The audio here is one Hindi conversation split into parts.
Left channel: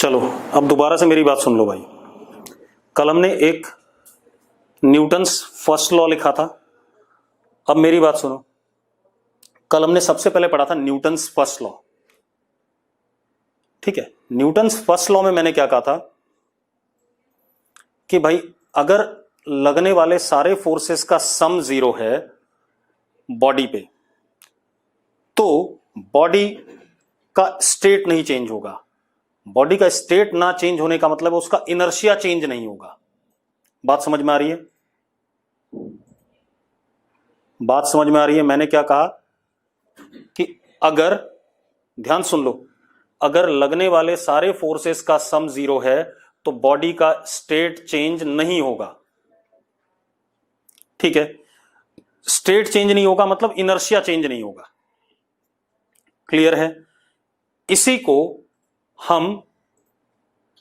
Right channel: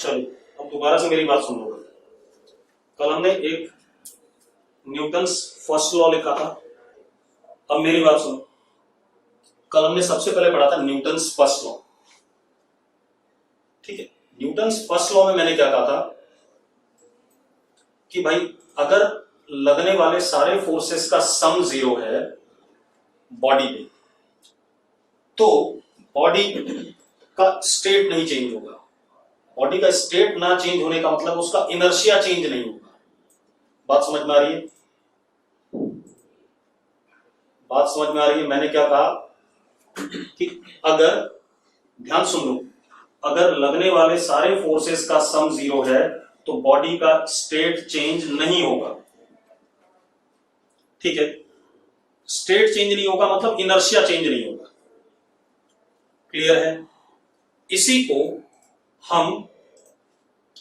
चलो अब दोबारा से मेरी बात सुन लो भाई। कल हमने एक न्यूटन्स फर्स्ट लॉ लिखा था। अब मेरी बात सुनो, कल हमने सबसे पहले पढ़ा था न्यूटन्स फर्स्ट लॉ। ठीक है, न्यूटन्स फर्स्ट लॉ में मैंने क्या कहा था कि भाई अगर लगने वाले सारे फोर्सेस का सम जीरो है बॉडी पे, तो बॉडी का स्टेट नहीं चेंज होगा। बॉडी का स्टेट ना चेंज होने का मतलब उसका इनर्शिया चेंज नहीं होगा। बात समझ में आ रही है? बात समझ में आ रही है? मैंने क्या कहा कि अगर, ध्यान सुन लो, अगर लगने वाले सारे फोर्सेस का सम जीरो है तो बॉडी का स्टेट चेंज नहीं होगा। ठीक है, स्टेट चेंज नहीं होगा मतलब इनर्शिया चेंज नहीं होगा। क्लियर है? इसी को हम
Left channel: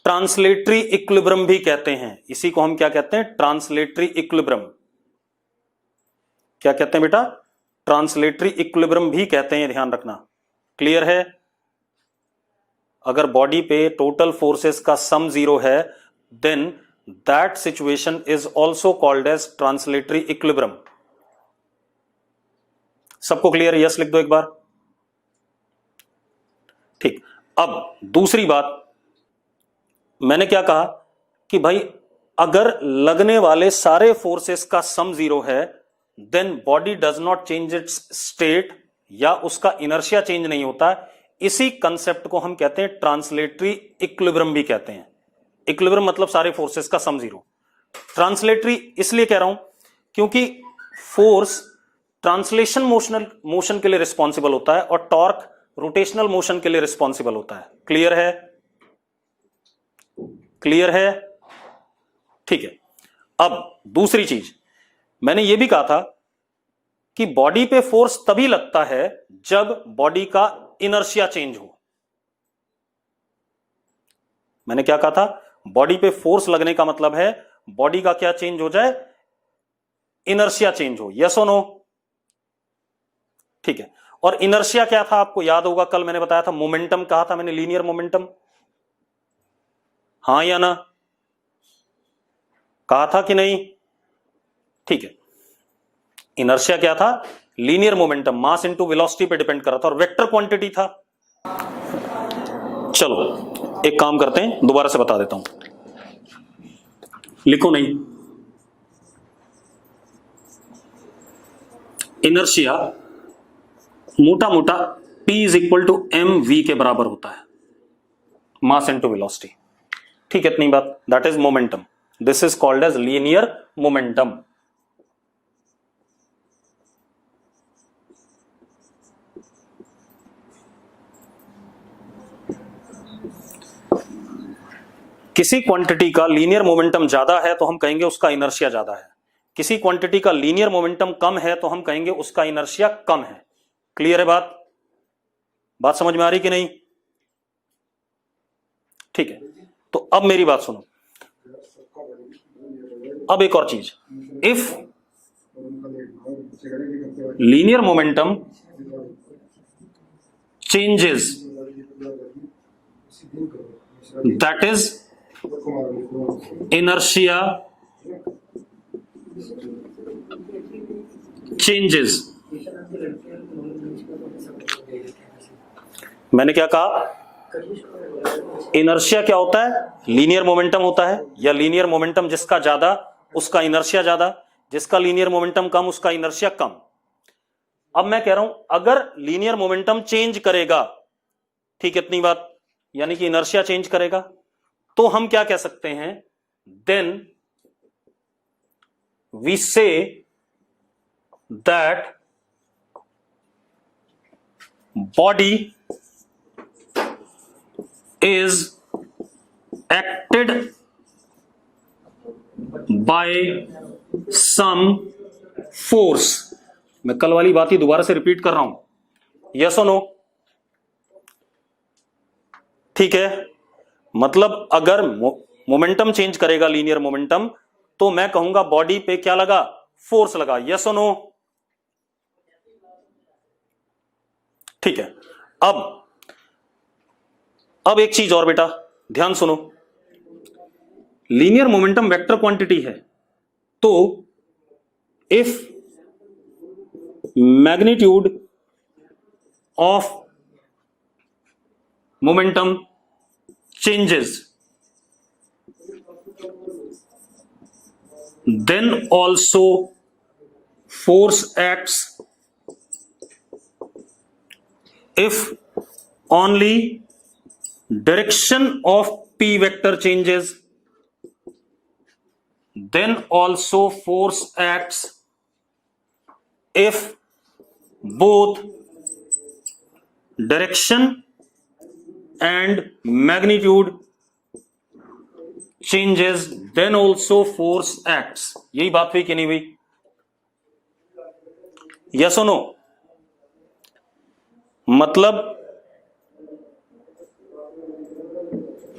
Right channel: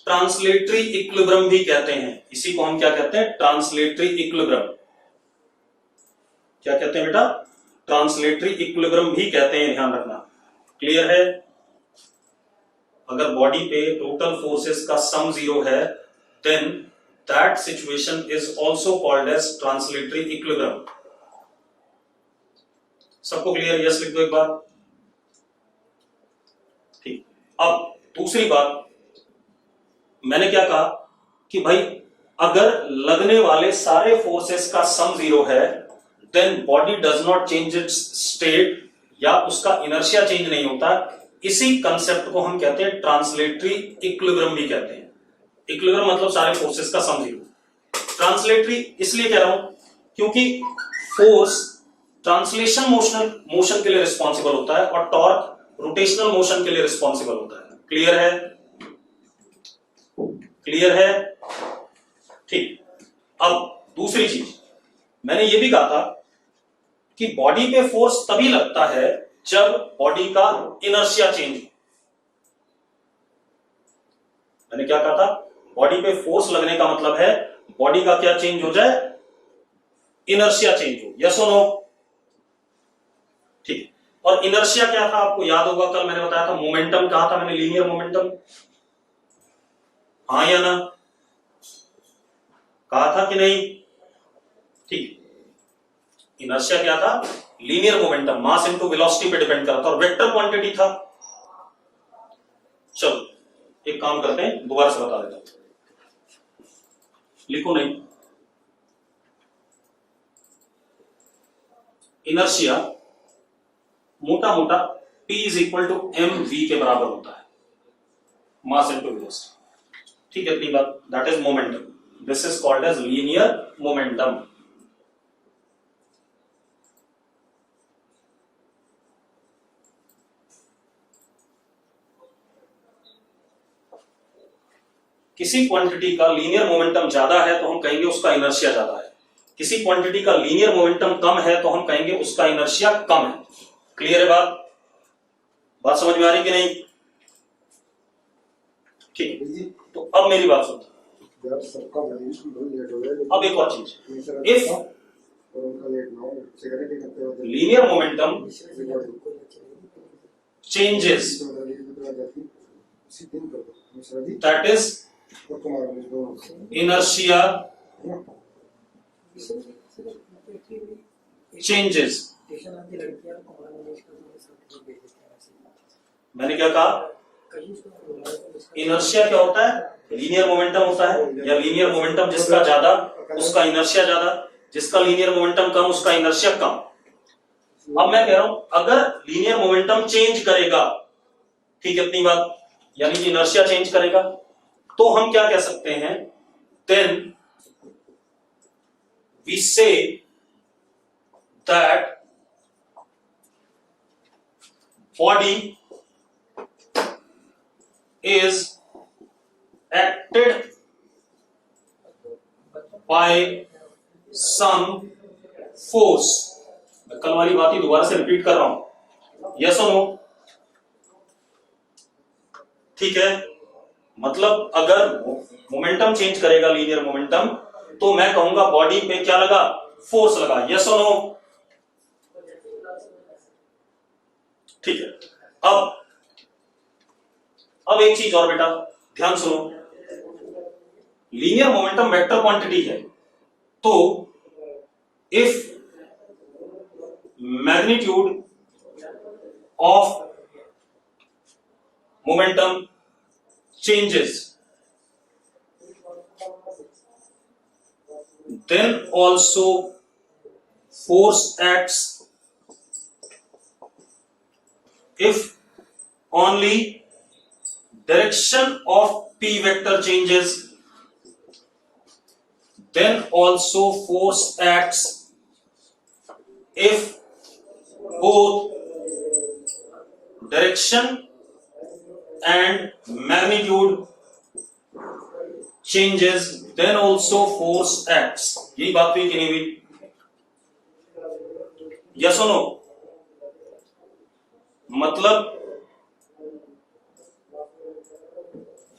ट्रांसलेटरी इक्विलिब्रियम भी कहते हैं। इसी को हम क्या कहते हैं? Translatory equilibrium. क्या कहते हैं बेटा? ट्रांसलेटरी इक्विलिब्रियम भी कहते हैं, ध्यान रखना। क्लियर है? अगर बॉडी पे टोटल फोर्सेस का सम जीरो है then that situation is also called as translatory equilibrium. सबको क्लियर है? यस लिख दो एक बार। ठीक, अब दूसरी बात मैंने क्या कहा कि भाई अगर लगने वाले सारे फोर्सेस का सम जीरो है then body does not change its state, या उसका इनर्शिया चेंज नहीं होता। इसी कंसेप्ट को हम कहते हैं ट्रांसलेटरी इक्विलिब्रियम भी कहते हैं। इक्विलिब्रियम मतलब सारे फोर्सेस का सम जीरो। ट्रांसलेटरी इसलिए कह रहा हूं क्योंकि फोर्स ट्रांसलेशन मोशन के लिए रिस्पॉन्सिबल होता है और टॉर्क रोटेशनल मोशन के लिए रिस्पॉन्सिबल होता है। क्लियर है? क्लियर है? ठीक है, अब दूसरी चीज मैंने यह भी कहा था कि बॉडी पे फोर्स तभी लगता है जब बॉडी का इनर्शिया चेंज हो। मैंने क्या कहा था? बॉडी पे फोर्स लगने का मतलब है बॉडी का क्या चेंज हो जाए? इनर्शिया चेंज हो। यस और नो? ठीक है, और इनर्शिया क्या था आपको याद होगा, कल मैंने बताया था मोमेंटम कहा था मैंने, लीनियर मोमेंटम। हाँ या ना? कहा था कि नहीं? ठीक है, इनर्शिया क्या था? लीनियर मोमेंटम, मास इनटू वेलोसिटी पे डिपेंड कर रहा था और वेक्टर क्वांटिटी था। चलो एक काम करते हैं, दोबारा से बता देता हूं, लिखो नहीं। इनर्शिया मोटा मोटा P is equal to mv के बराबर होता है, मास इनटू वेलोसिटी। ठीक है, इतनी बात। That is momentum. This is called as linear momentum. किसी क्वांटिटी का लीनियर मोमेंटम ज्यादा है तो हम कहेंगे उसका इनर्शिया ज्यादा है। किसी क्वांटिटी का लीनियर मोमेंटम कम है तो हम कहेंगे उसका इनर्शिया कम है। क्लियर है बात? बात समझ में आ रही कि नहीं? ठीक है, तो अब मेरी बात सुनो। अब एक और चीज, if linear momentum changes that is inertia changes। मैंने क्या कहा? इनर्शिया क्या होता है? लीनियर मोमेंटम होता है, या लीनियर मोमेंटम जिसका ज्यादा उसका इनर्शिया ज्यादा, जिसका लीनियर मोमेंटम कम उसका इनर्शिया कम। अब मैं कह रहा हूं अगर लीनियर मोमेंटम चेंज करेगा, ठीक है, इतनी बात, यानी कि इनर्शिया चेंज करेगा, तो हम क्या कह सकते हैं? Then we say that body is acted by some force. मैं कल वाली बात ही दोबारा से रिपीट कर रहा हूं। यस और नो? ठीक है, मतलब अगर मोमेंटम चेंज करेगा लीनियर मोमेंटम तो मैं कहूंगा बॉडी पे क्या लगा? फोर्स लगा। यस और नो? ठीक है, अब एक चीज और बेटा, ध्यान सुनो, लीनियर मोमेंटम वेक्टर क्वांटिटी है, तो if magnitude of momentum changes, then also force acts. If only direction of p vector changes, then also force acts. If both direction and magnitude changes, then also force acts. यही बात हुई कि नहीं हुई? यस और नो?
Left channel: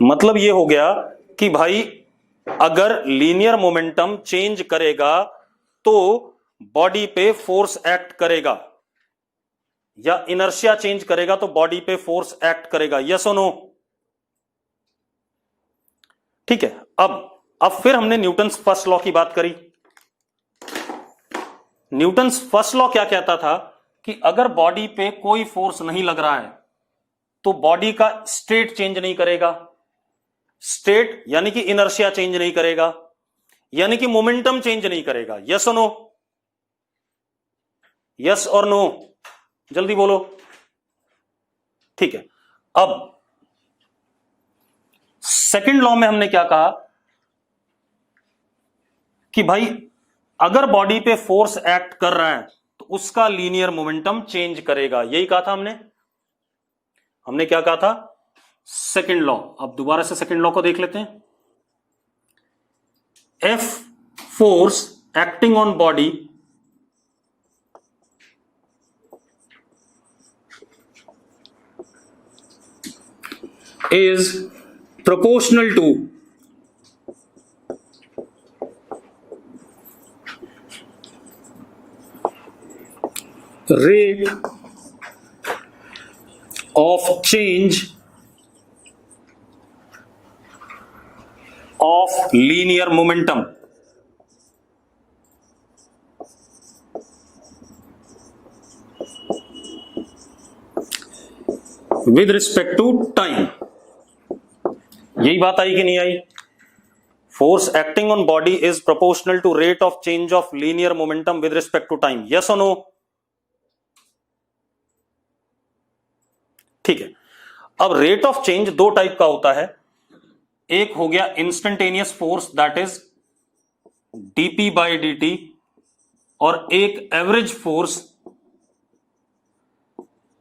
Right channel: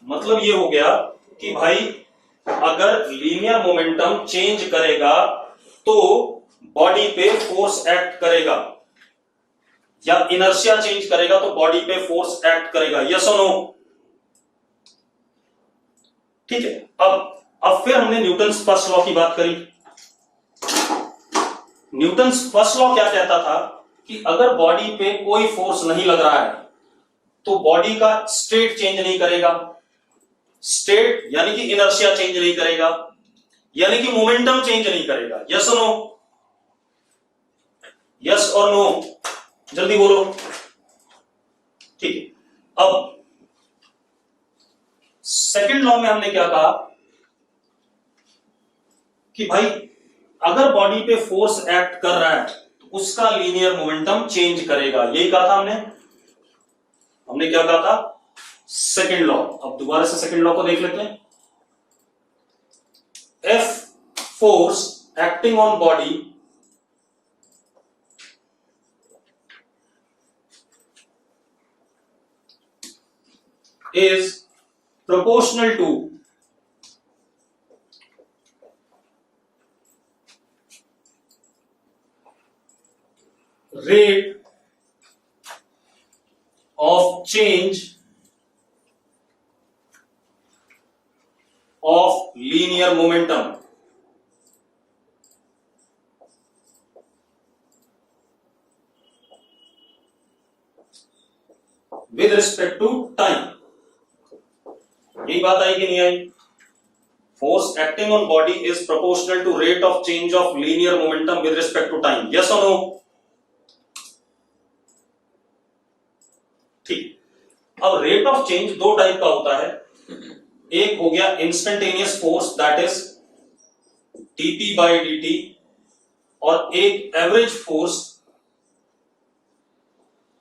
मतलब ये हो गया कि भाई अगर लीनियर मोमेंटम चेंज करेगा तो बॉडी पे फोर्स एक्ट करेगा, या इनर्शिया चेंज करेगा तो बॉडी पे फोर्स एक्ट करेगा। यस और नो? ठीक है। अब फिर हमने न्यूटन्स फर्स्ट लॉ की बात करी। न्यूटन्स फर्स्ट लॉ क्या कहता था कि अगर बॉडी पे कोई फोर्स नहीं लग रहा है तो बॉडी का स्टेट चेंज नहीं करेगा। स्टेट यानी कि इनर्शिया चेंज नहीं करेगा, यानी कि मोमेंटम चेंज नहीं करेगा। यस और नो? यस और नो? जल्दी बोलो। ठीक है। अब सेकंड लॉ में हमने क्या कहा कि भाई अगर बॉडी पे फोर्स एक्ट कर रहा है तो उसका लीनियर मोमेंटम चेंज करेगा। यही कहा था हमने क्या कहा था? Second law. अब दोबारा से सेकंड लॉ को देख लेते हैं। F force acting on body is proportional to rate of change of linear momentum with respect to time। यही बात आई कि नहीं आई? Force acting on body is proportional to rate of change of linear momentum with respect to time. Yes और नो? ठीक है। अब रेट ऑफ चेंज दो टाइप का होता है। एक हो गया instantaneous force that is dp by dt, और एक average force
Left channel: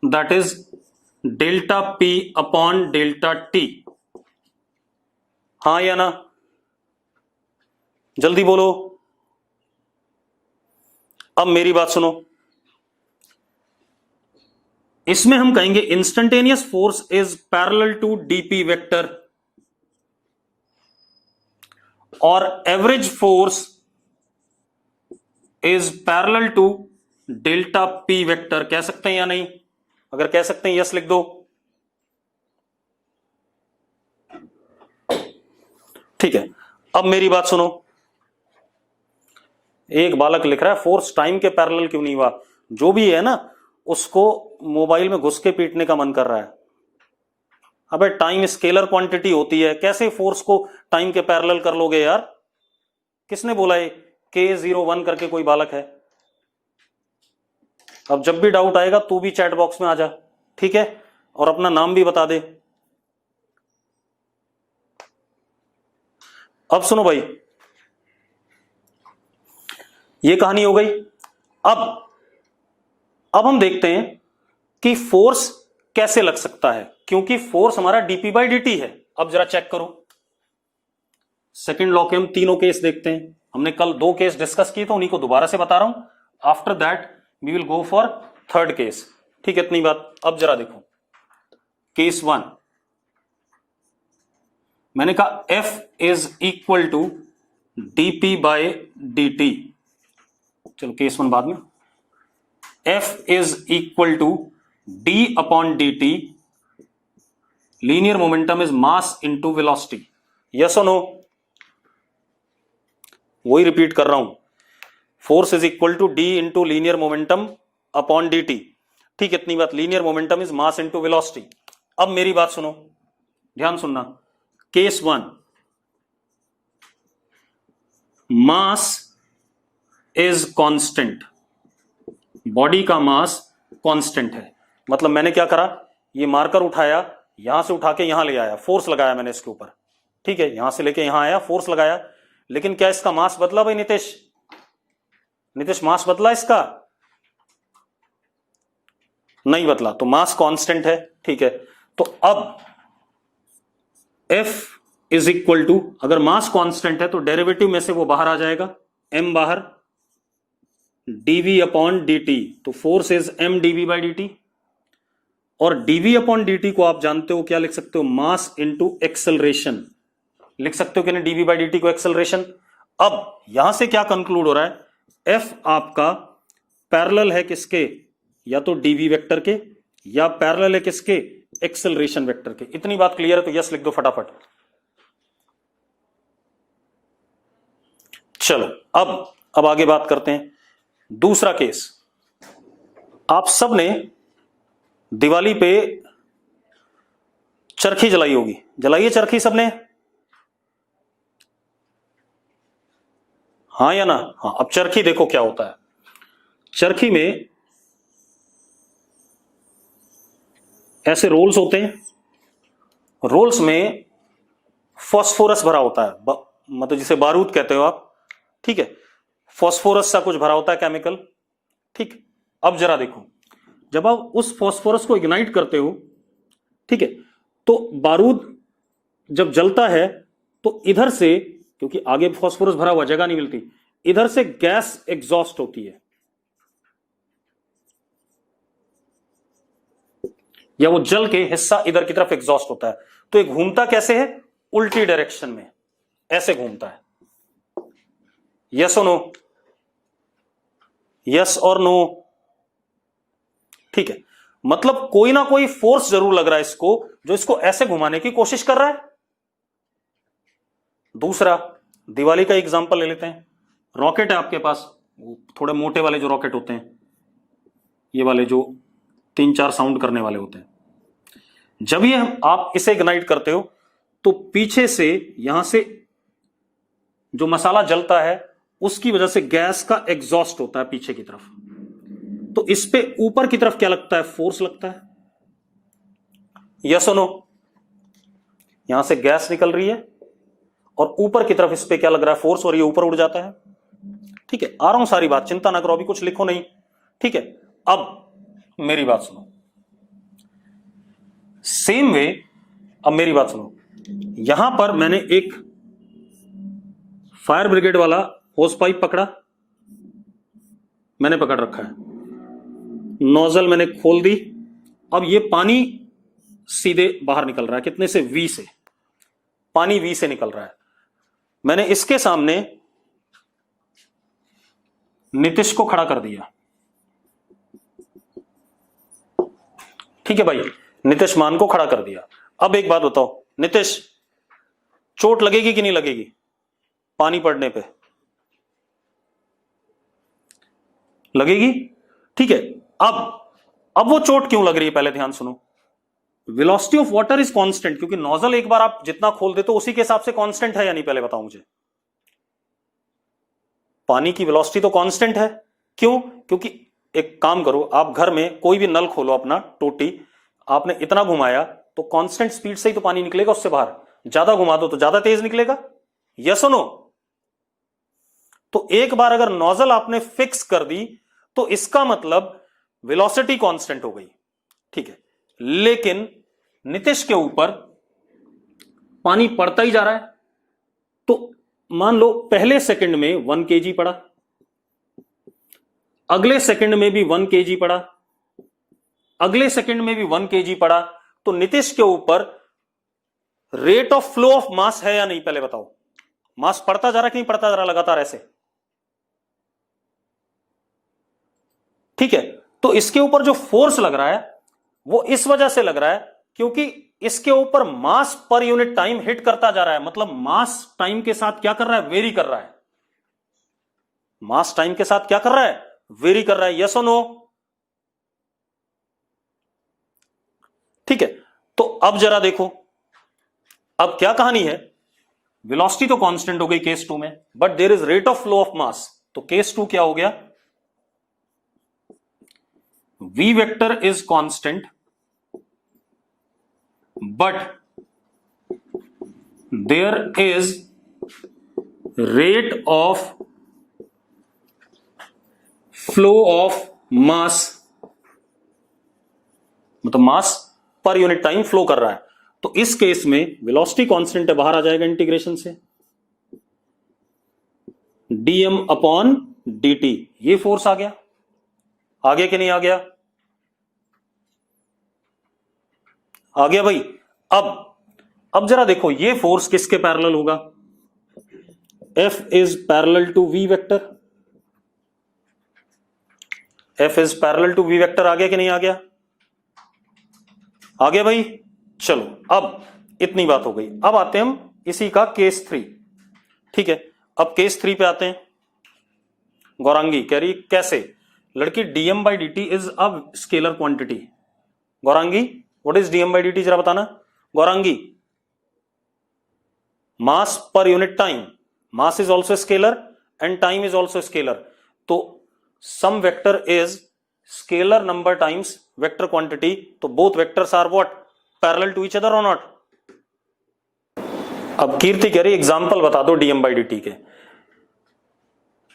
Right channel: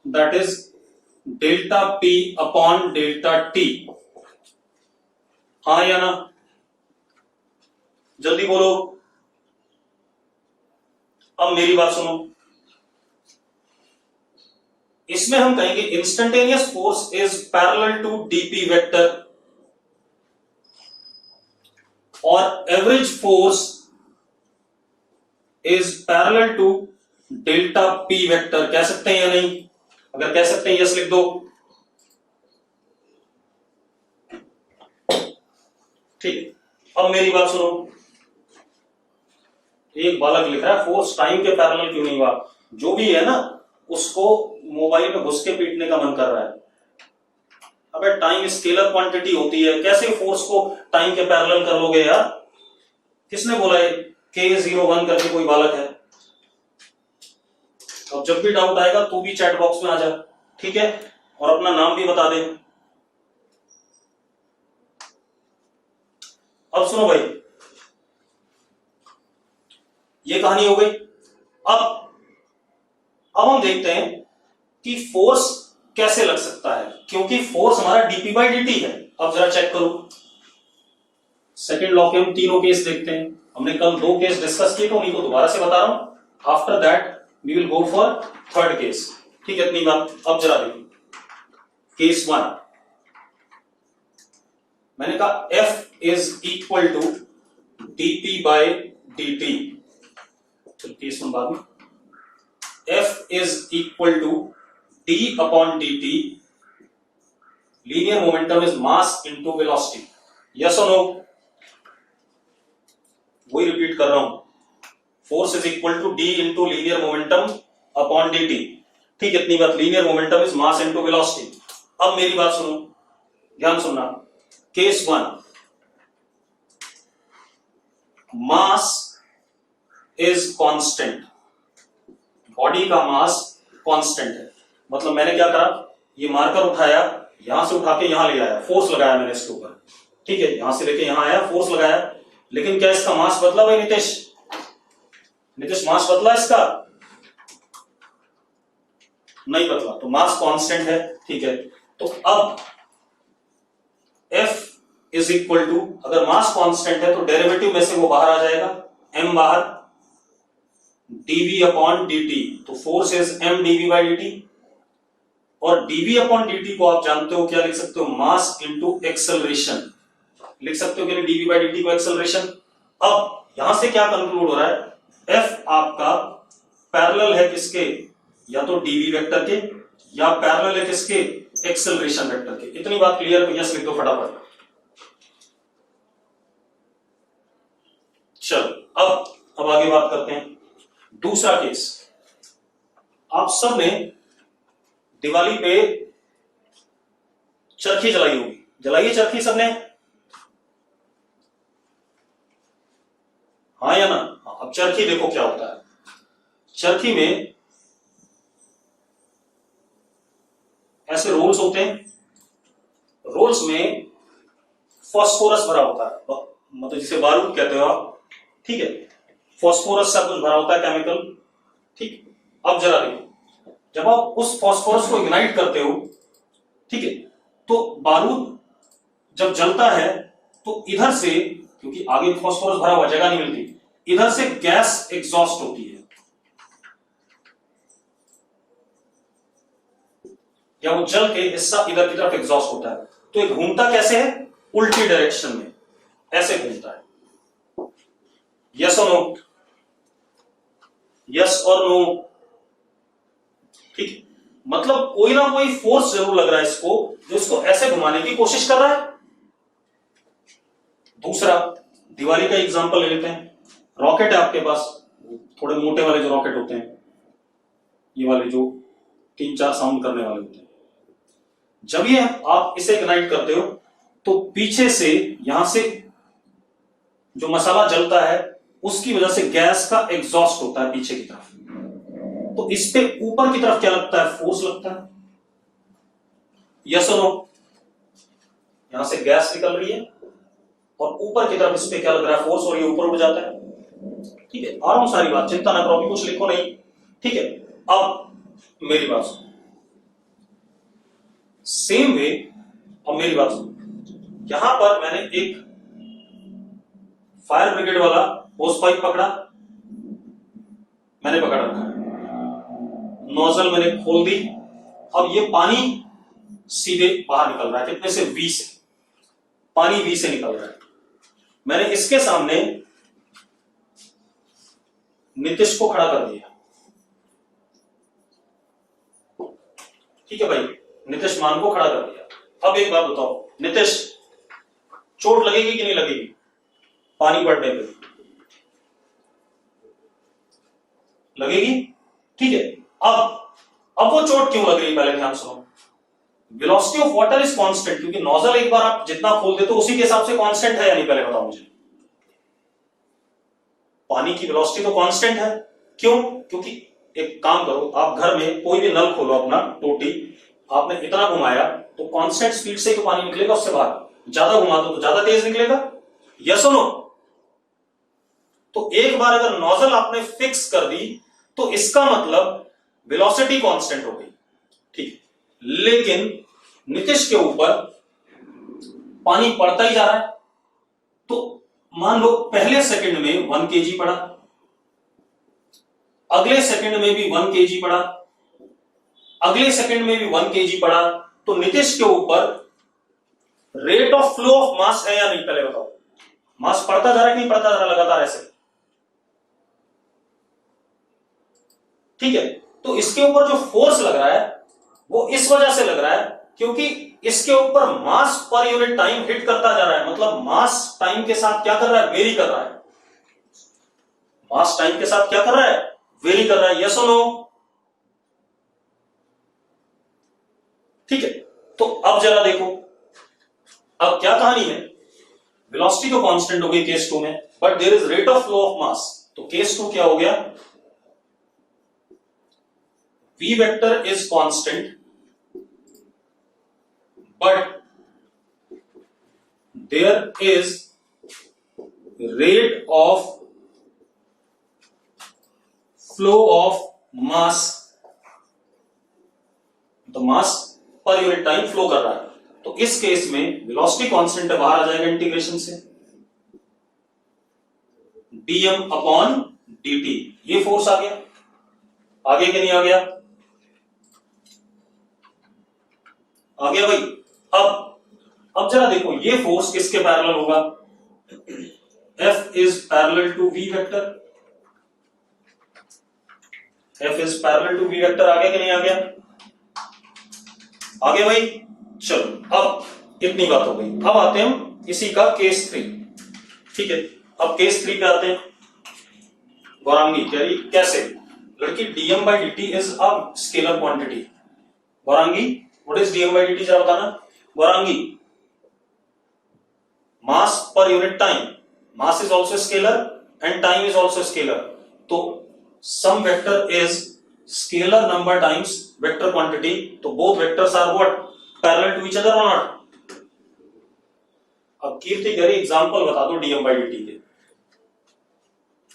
that is delta p upon delta t। हाँ या ना? जल्दी बोलो। अब मेरी बात सुनो, इसमें हम कहेंगे instantaneous force is parallel to dp vector, और average force is parallel to delta p vector. कह सकते हैं या नहीं? अगर कह सकते हैं यस लिख दो। ठीक है। अब मेरी बात सुनो, एक बालक लिख रहा है फोर्स टाइम के पैरेलल क्यों नहीं हुआ। जो भी है ना, उसको मोबाइल में घुस के पीटने का मन कर रहा है। अबे टाइम स्केलर क्वांटिटी होती है, कैसे फोर्स को टाइम के पैरेलल कर लोगे यार? किसने बोला है? K01 करके कोई बालक है। अब जब भी डाउट आएगा तू भी चैट बॉक्स में आ जा, ठीक है? और अपना नाम भी बता दे। अब सुनो भाई, ये कहानी हो गई। अब हम देखते हैं कि फोर्स कैसे लग सकता है, क्योंकि फोर्स हमारा डीपी बाई dt है। अब जरा चेक करो, सेकंड लॉ के हम तीनों केस देखते हैं। हमने कल 2 केस डिस्कस किए तो उन्हीं को दोबारा से बता रहा हूं। After that we will go for third case. ठीक है, इतनी बात। अब जरा देखो केस 1। मैंने कहा F is equal to dp by dt। चलो केस 1 बाद में। F is equal to d upon dt linear momentum is mass into velocity, yes और नो? वही रिपीट कर रहा हूं, force is equal to D into linear momentum upon D T. ठीक, इतनी बात, linear momentum is mass into velocity. अब मेरी बात सुनो, ध्यान सुनना। Case 1, mass is constant, body का मास कांस्टेंट है। मतलब मैंने क्या करा, ये मार्कर उठाया, यहां से उठा के यहां ले आया, फोर्स लगाया मैंने इसके ऊपर, ठीक है, यहां से लेके यहां आया, फोर्स लगाया, लेकिन क्या इसका मास बदला भाई नितेश? नितेश, मास बदला इसका? नहीं बदला, तो मास कांस्टेंट है, ठीक है। तो अब F इज इक्वल टू, अगर मास कांस्टेंट है तो डेरिवेटिव में से वो बाहर आ जाएगा, m बाहर, dv अपॉन dt, तो force is m dv by dt, और dv अपॉन dt को आप जानते हो क्या लिख सकते हो, मास इंटू एक्सेलरेशन लिख सकते हो कि नहीं, dv बाई dt को एक्सेलरेशन। अब यहां से क्या कंक्लूड हो रहा है, F आपका पैरेलल है किसके, या तो dv वेक्टर के, या पैरेलल है किसके, एक्सेलरेशन वेक्टर के। इतनी बात क्लियर, तो यस लिख दो फटाफट। चलो अब आगे बात करते हैं। दूसरा केस, आप सब ने दिवाली पे चरखी जलाई होगी, जलाइए चरखी सबने, हाँ या ना? हाँ। अब चरखी देखो क्या होता है, चरखी में ऐसे रोल्स होते हैं, रोल्स में फॉस्फोरस भरा होता है, मतलब जिसे बारूद कहते हो आप, ठीक है, फॉस्फोरस सा कुछ भरा होता है, केमिकल, ठीक। अब जरा देखो, जब आप उस फॉस्फोरस को इग्नाइट करते हो, ठीक है, तो बारूद जब जलता है तो इधर से, क्योंकि आगे फॉस्फोरस भरा हुआ, जगह नहीं मिलती, इधर से गैस एग्जॉस्ट होती है, या वो जल के हिस्सा इधर की तरफ एग्जॉस्ट होता है। तो ये घूमता कैसे है, उल्टी डायरेक्शन में, ऐसे घूमता है। यस और नो? यस और नो? ठीक है, मतलब कोई ना कोई फोर्स जरूर लग रहा है इसको, जो इसको ऐसे घुमाने की कोशिश कर रहा है। दूसरा, दिवाली का एग्जांपल ले लेते हैं। रॉकेट है आपके पास, थोड़े मोटे वाले जो रॉकेट होते हैं, ये वाले जो 3-4 साउंड करने वाले होते हैं, जब ये आप इसे इग्नाइट करते हो तो पीछे से, यहां से जो मसाला जलता है उसकी वजह से गैस का एग्जॉस्ट होता है पीछे की तरफ, तो इस पे ऊपर की तरफ क्या लगता है, फोर्स लगता है। यस और नो? यहां से गैस निकल रही है और ऊपर की तरफ इस पे क्या लग रहा है, फोर्स, और ये ऊपर उड़ जाता है। ठीक है, आ रहा हूं, सारी बात, चिंता ना करो, अभी कुछ लिखो नहीं, ठीक है। अब मेरी बात सुनो, सेम वे, अब मेरी बात सुनो, यहां पर मैंने एक फायर ब्रिगेड वाला होस पाइप पकड़ा, मैंने पकड़ रखा है, नोजल मैंने खोल दी, अब ये पानी सीधे बाहर निकल रहा है, कितने से, V से, पानी V से निकल रहा है। मैंने इसके सामने नीतीश को खड़ा कर दिया, ठीक है भाई, नीतीश मान को खड़ा कर दिया। अब एक बात बताओ, नीतीश, चोट लगेगी कि नहीं लगेगी पानी पड़ने पे? लगेगी, ठीक है। अब वो चोट क्यों लग रही है, पहले ध्यान सुनो। Velocity of water is constant, क्योंकि नोजल एक बार आप जितना खोल दे तो उसी के हिसाब से कांस्टेंट है या नहीं, पहले बताओ मुझे। पानी की वेलोसिटी तो कांस्टेंट है, क्यों? क्योंकि एक काम करो, आप घर में कोई भी नल खोलो अपना, टोटी, आपने इतना घुमाया तो कांस्टेंट स्पीड से ही तो पानी निकलेगा उससे बाहर, ज्यादा घुमा दो तो ज्यादा तेज निकलेगा। यस और नो? तो एक बार अगर नोजल आपने फिक्स कर दी तो इसका मतलब वेलोसिटी कांस्टेंट हो गई, ठीक है। लेकिन नीतीश के ऊपर पानी पड़ता ही जा रहा है, तो मान लो पहले सेकंड में 1 kg पड़ा, अगले सेकंड में भी 1 kg पड़ा, अगले सेकंड में भी 1 kg पड़ा, तो नीतीश के ऊपर रेट ऑफ फ्लो ऑफ मास है या नहीं, पहले बताओ। मास पड़ता जा रहा है कि नहीं पड़ता जा रहा लगातार ऐसे, ठीक है। तो इसके ऊपर जो फोर्स लग रहा है वो इस वजह से लग रहा है क्योंकि इसके ऊपर मास पर यूनिट टाइम हिट करता जा रहा है, मतलब मास टाइम के साथ क्या कर रहा है, वेरी कर रहा है। मास टाइम के साथ क्या कर रहा है, वेरी कर रहा है। यस और नो? ठीक है, तो अब जरा देखो, अब क्या कहानी है, वेलोसिटी तो कांस्टेंट हो गई केस 2 में, but there is rate of flow of mass. तो केस 2 क्या हो गया, v vector is constant but there is rate of flow of mass, मतलब मास पर यूनिट टाइम फ्लो कर रहा है। तो इस केस में वेलोसिटी कांस्टेंट है, बाहर आ जाएगा इंटीग्रेशन से, dm अपॉन dt। ये फोर्स आ गया, आगे कि नहीं आ गया, आ गया भाई। अब जरा देखो, ये फोर्स किसके पैरेलल होगा, F is parallel to V vector, F is parallel to V vector. आ गया कि नहीं आ गया, आ गया भाई। चलो अब इतनी बात हो गई, अब आते हैं हम इसी का केस 3। ठीक है, अब केस 3 पे आते हैं। गौरांगी कह रही कैसे, लड़की dm by dt is a scalar quantity. Gaurangi what is dm by dt, जरा बताना Gaurangi. Mass per unit time, mass is also scalar and time is also scalar, तो some vector is scalar number times vector quantity, तो both vectors are what, parallel to each other और नॉट। अब कीर्ति कह रही एग्जांपल बता दो dm by dt के।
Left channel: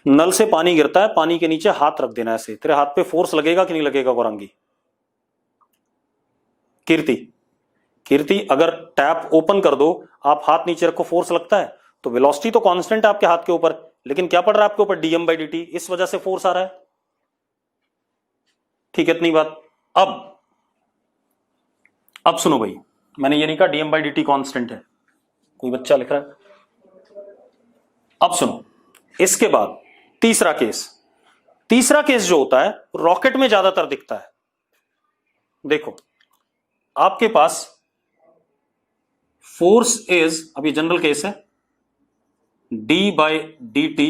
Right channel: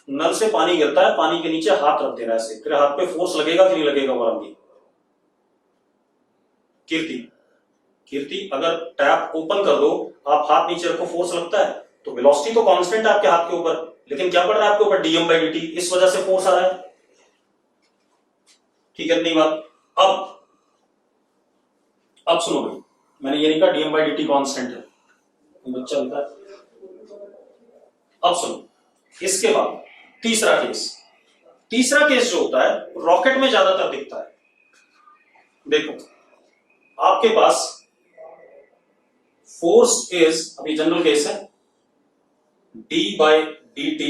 नल से पानी गिरता है, पानी के नीचे हाथ रख देना ऐसे, तेरे हाथ पे फोर्स लगेगा कि नहीं लगेगा गौरांगी? कीर्ति अगर टैप ओपन कर दो, आप हाथ नीचे रखो, फोर्स लगता है, तो वेलोसिटी तो कांस्टेंट है आपके हाथ के ऊपर, लेकिन क्या पड़ रहा है आपके ऊपर, dm by dt, इस वजह से फोर्स आ रहा है। ठीक है, इतनी बात। अब सुनो भाई, मैंने ये नहीं कहा dm by dt कांस्टेंट है, कोई बच्चा लिख रहा है। अब सुनो, इसके बाद तीसरा केस जो होता है रॉकेट में ज्यादातर दिखता है। देखो, आपके पास फोर्स इज, अभी जनरल केस है, d by dt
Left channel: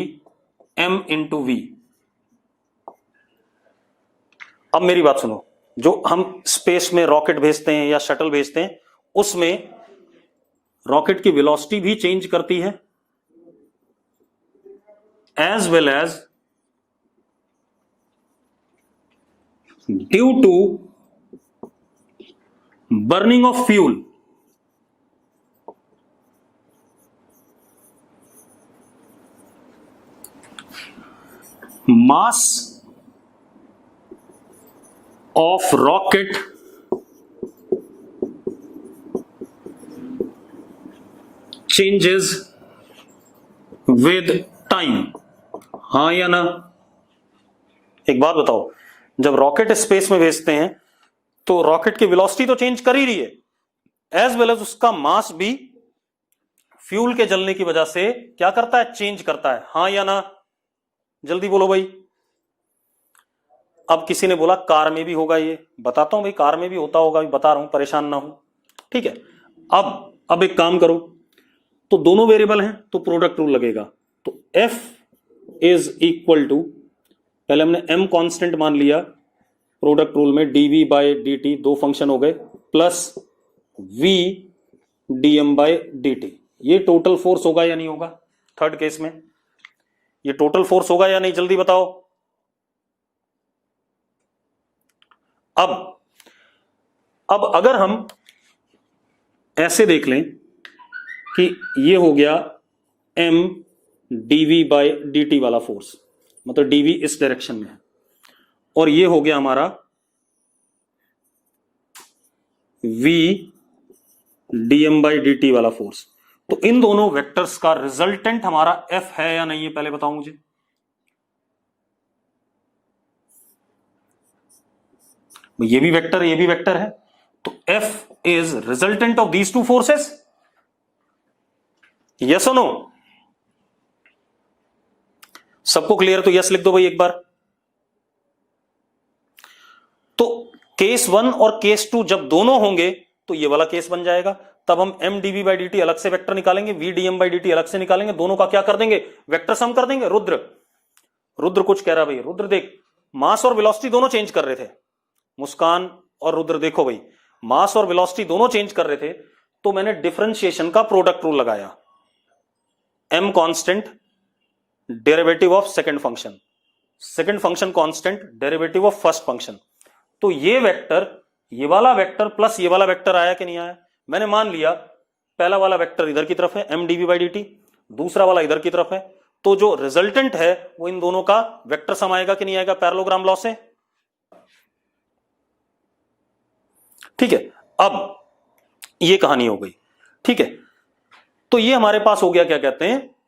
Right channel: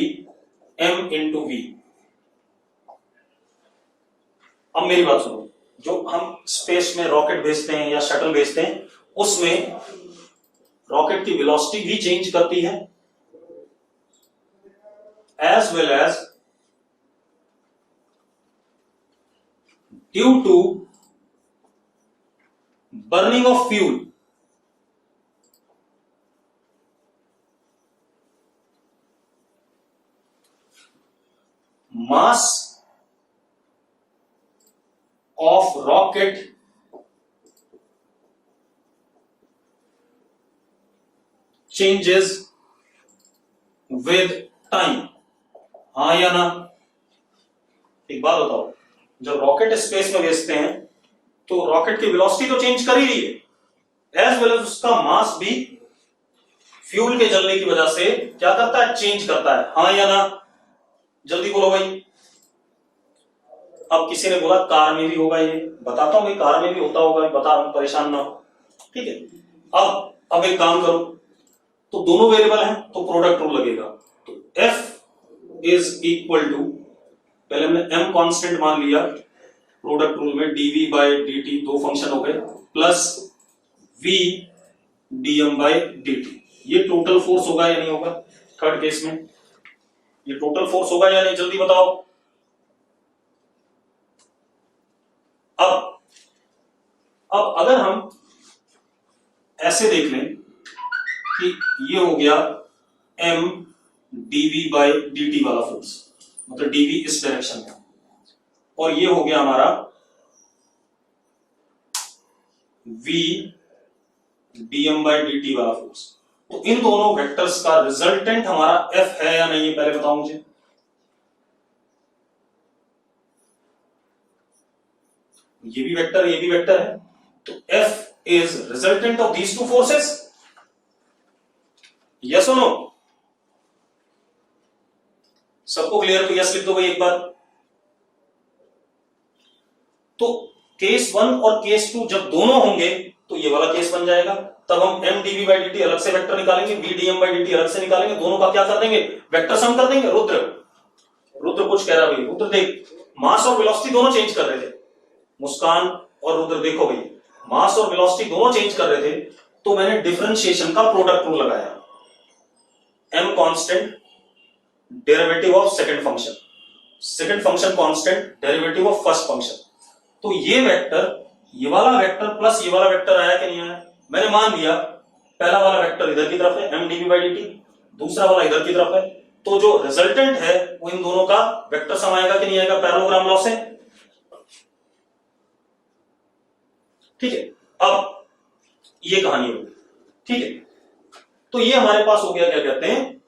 m into v। अब मेरी बात सुनो, जो हम स्पेस में रॉकेट भेजते हैं या शटल भेजते हैं, उसमें रॉकेट की वेलोसिटी भी चेंज करती है, as well as due to burning of fuel, mass of rocket changes with time। हाँ या ना? एक बात बताओ, जब रॉकेट स्पेस में भेजते हैं तो रॉकेट की वेलोसिटी तो चेंज कर ही रही है, एज वेल एज उसका मास भी फ्यूल के जलने की वजह से क्या करता है, चेंज करता है। हाँ या ना? जल्दी बोलो भाई। अब किसी ने बोला कार में भी होगा, ये बताता हूं भाई, कार में भी होता होगा, बता रहा हूं, परेशान ना हो। ठीक है, अब एक काम करो, तो दोनों वेरिएबल हैं तो प्रोडक्ट रूल लगेगा। तो F इज इक्वल टू, पहले हमने m कांस्टेंट मान लिया, प्रोडक्ट रूल में dv by dt, दो फंक्शन हो गए, plus v dm by dt। ये टोटल फोर्स होगा या नहीं होगा? थर्ड केस में ये टोटल फोर्स होगा या नहीं, जल्दी बताओ। अब अगर हम ऐसे देख लें कि ये हो गया m dv by dt वाला फोर्स, मतलब dv इस डायरेक्शन में, और ये हो गया हमारा v dm by dt वाला फोर्स, तो इन दोनों वेक्टर्स का रिजल्टेंट हमारा f है या नहीं, पहले बताओ मुझे। ये भी वेक्टर, ये भी वेक्टर है, तो f is resultant of these two forces. Yes और नो? सबको क्लियर? तो यस लिख दो भाई एक बार। तो केस 1 और केस 2 जब दोनों होंगे तो ये वाला केस बन जाएगा। तब हम m dv by dt अलग से वेक्टर निकालेंगे, v dm by dt अलग से निकालेंगे, दोनों का क्या कर देंगे, वेक्टर सम कर देंगे। रुद्र कुछ कह रहा भाई, रुद्र देख मास और वेलोसिटी दोनों चेंज कर रहे थे, मुस्कान और रुद्र देखो भाई, मास और वेलोसिटी दोनों चेंज कर रहे थे, तो मैंने डिफरेंशिएशन का प्रोडक्ट रूल लगाया, m constant derivative of second function constant derivative of first function. तो ये वेक्टर, ये वाला वेक्टर प्लस ये वाला वेक्टर आया कि नहीं आया, मैंने मान लिया पहला वाला वेक्टर इधर की तरफ है m dv by dt, दूसरा वाला इधर की तरफ है, तो जो रिजल्टेंट है वो इन दोनों का वेक्टर सम आएगा कि नहीं आएगा पैरेललोग्राम लॉ से। ठीक है, अब ये कहानी हो गई। ठीक है, तो ये हमारे पास हो गया, क्या कहते हैं,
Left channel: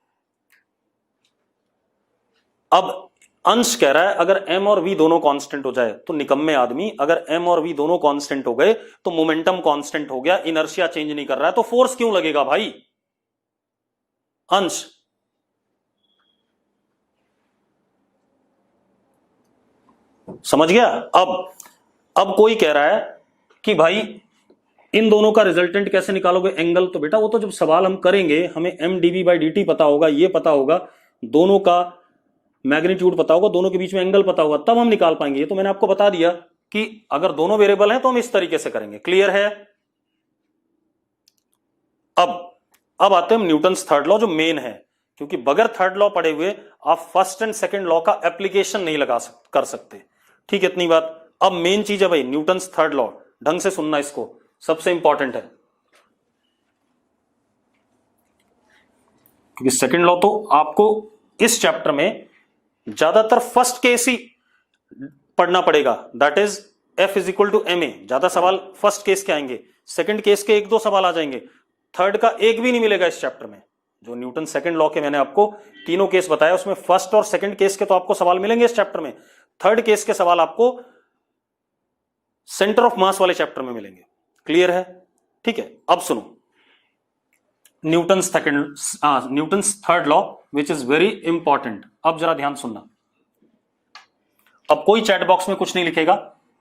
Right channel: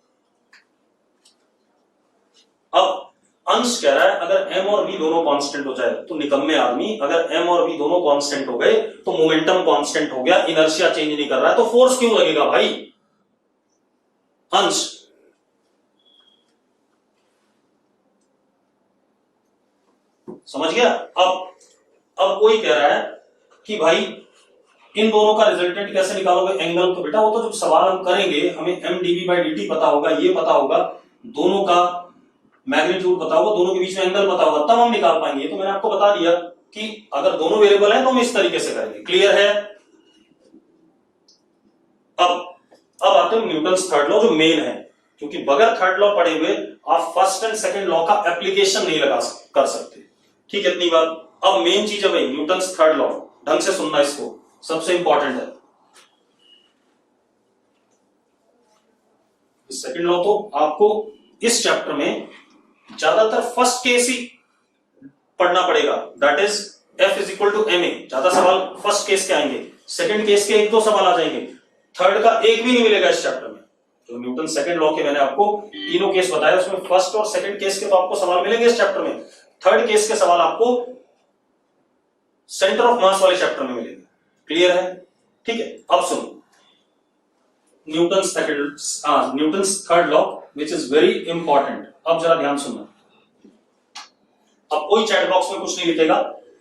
अब अंश कह रहा है अगर m और v दोनों कांस्टेंट हो जाए तो निकम्मे आदमी, अगर m और v दोनों कांस्टेंट हो गए तो मोमेंटम कांस्टेंट हो गया, इनर्शिया चेंज नहीं कर रहा है, तो फोर्स क्यों लगेगा भाई। अंश समझ गया। अब कोई कह रहा है कि भाई इन दोनों का रिजल्टेंट कैसे निकालोगे, एंगल, तो बेटा वो तो जब सवाल हम करेंगे हमें m dv by dt पता होगा, ये पता होगा, दोनों का मैग्नीट्यूड पता होगा, दोनों के बीच में एंगल पता होगा, तब हम निकाल पाएंगे। ये तो मैंने आपको बता दिया कि अगर दोनों वेरिएबल है तो हम इस तरीके से करेंगे। क्लियर है। अब आते हैं हम न्यूटन्स थर्ड लॉ, जो मेन है, क्योंकि बगैर थर्ड लॉ पढ़े हुए आप फर्स्ट एंड सेकंड लॉ का एप्लीकेशन नहीं कर सकते। ठीक है, इतनी बात। अब मेन चीज है भाई न्यूटन्स थर्ड लॉ, ढंग से सुनना, इसको सबसे इंपॉर्टेंट है, क्योंकि सेकंड लॉ तो आपको इस चैप्टर में ज्यादातर फर्स्ट केस ही पढ़ना पड़ेगा, that is F is equal to ma। ज्यादा सवाल फर्स्ट केस के आएंगे, सेकंड केस के एक दो सवाल आ जाएंगे, थर्ड का एक भी नहीं मिलेगा इस चैप्टर में। जो न्यूटन सेकंड लॉ के मैंने आपको तीनों केस बताया, उसमें फर्स्ट और सेकंड केस के तो आपको सवाल मिलेंगे इस चैप्टर में, थर्ड केस के सवाल आपको सेंटर ऑफ मास वाले चैप्टर में मिलेंगे। क्लियर है। ठीक है, अब सुनो Newton's third law which is very important. अब जरा ध्यान सुनना, अब कोई चैट बॉक्स में कुछ नहीं लिखेगा,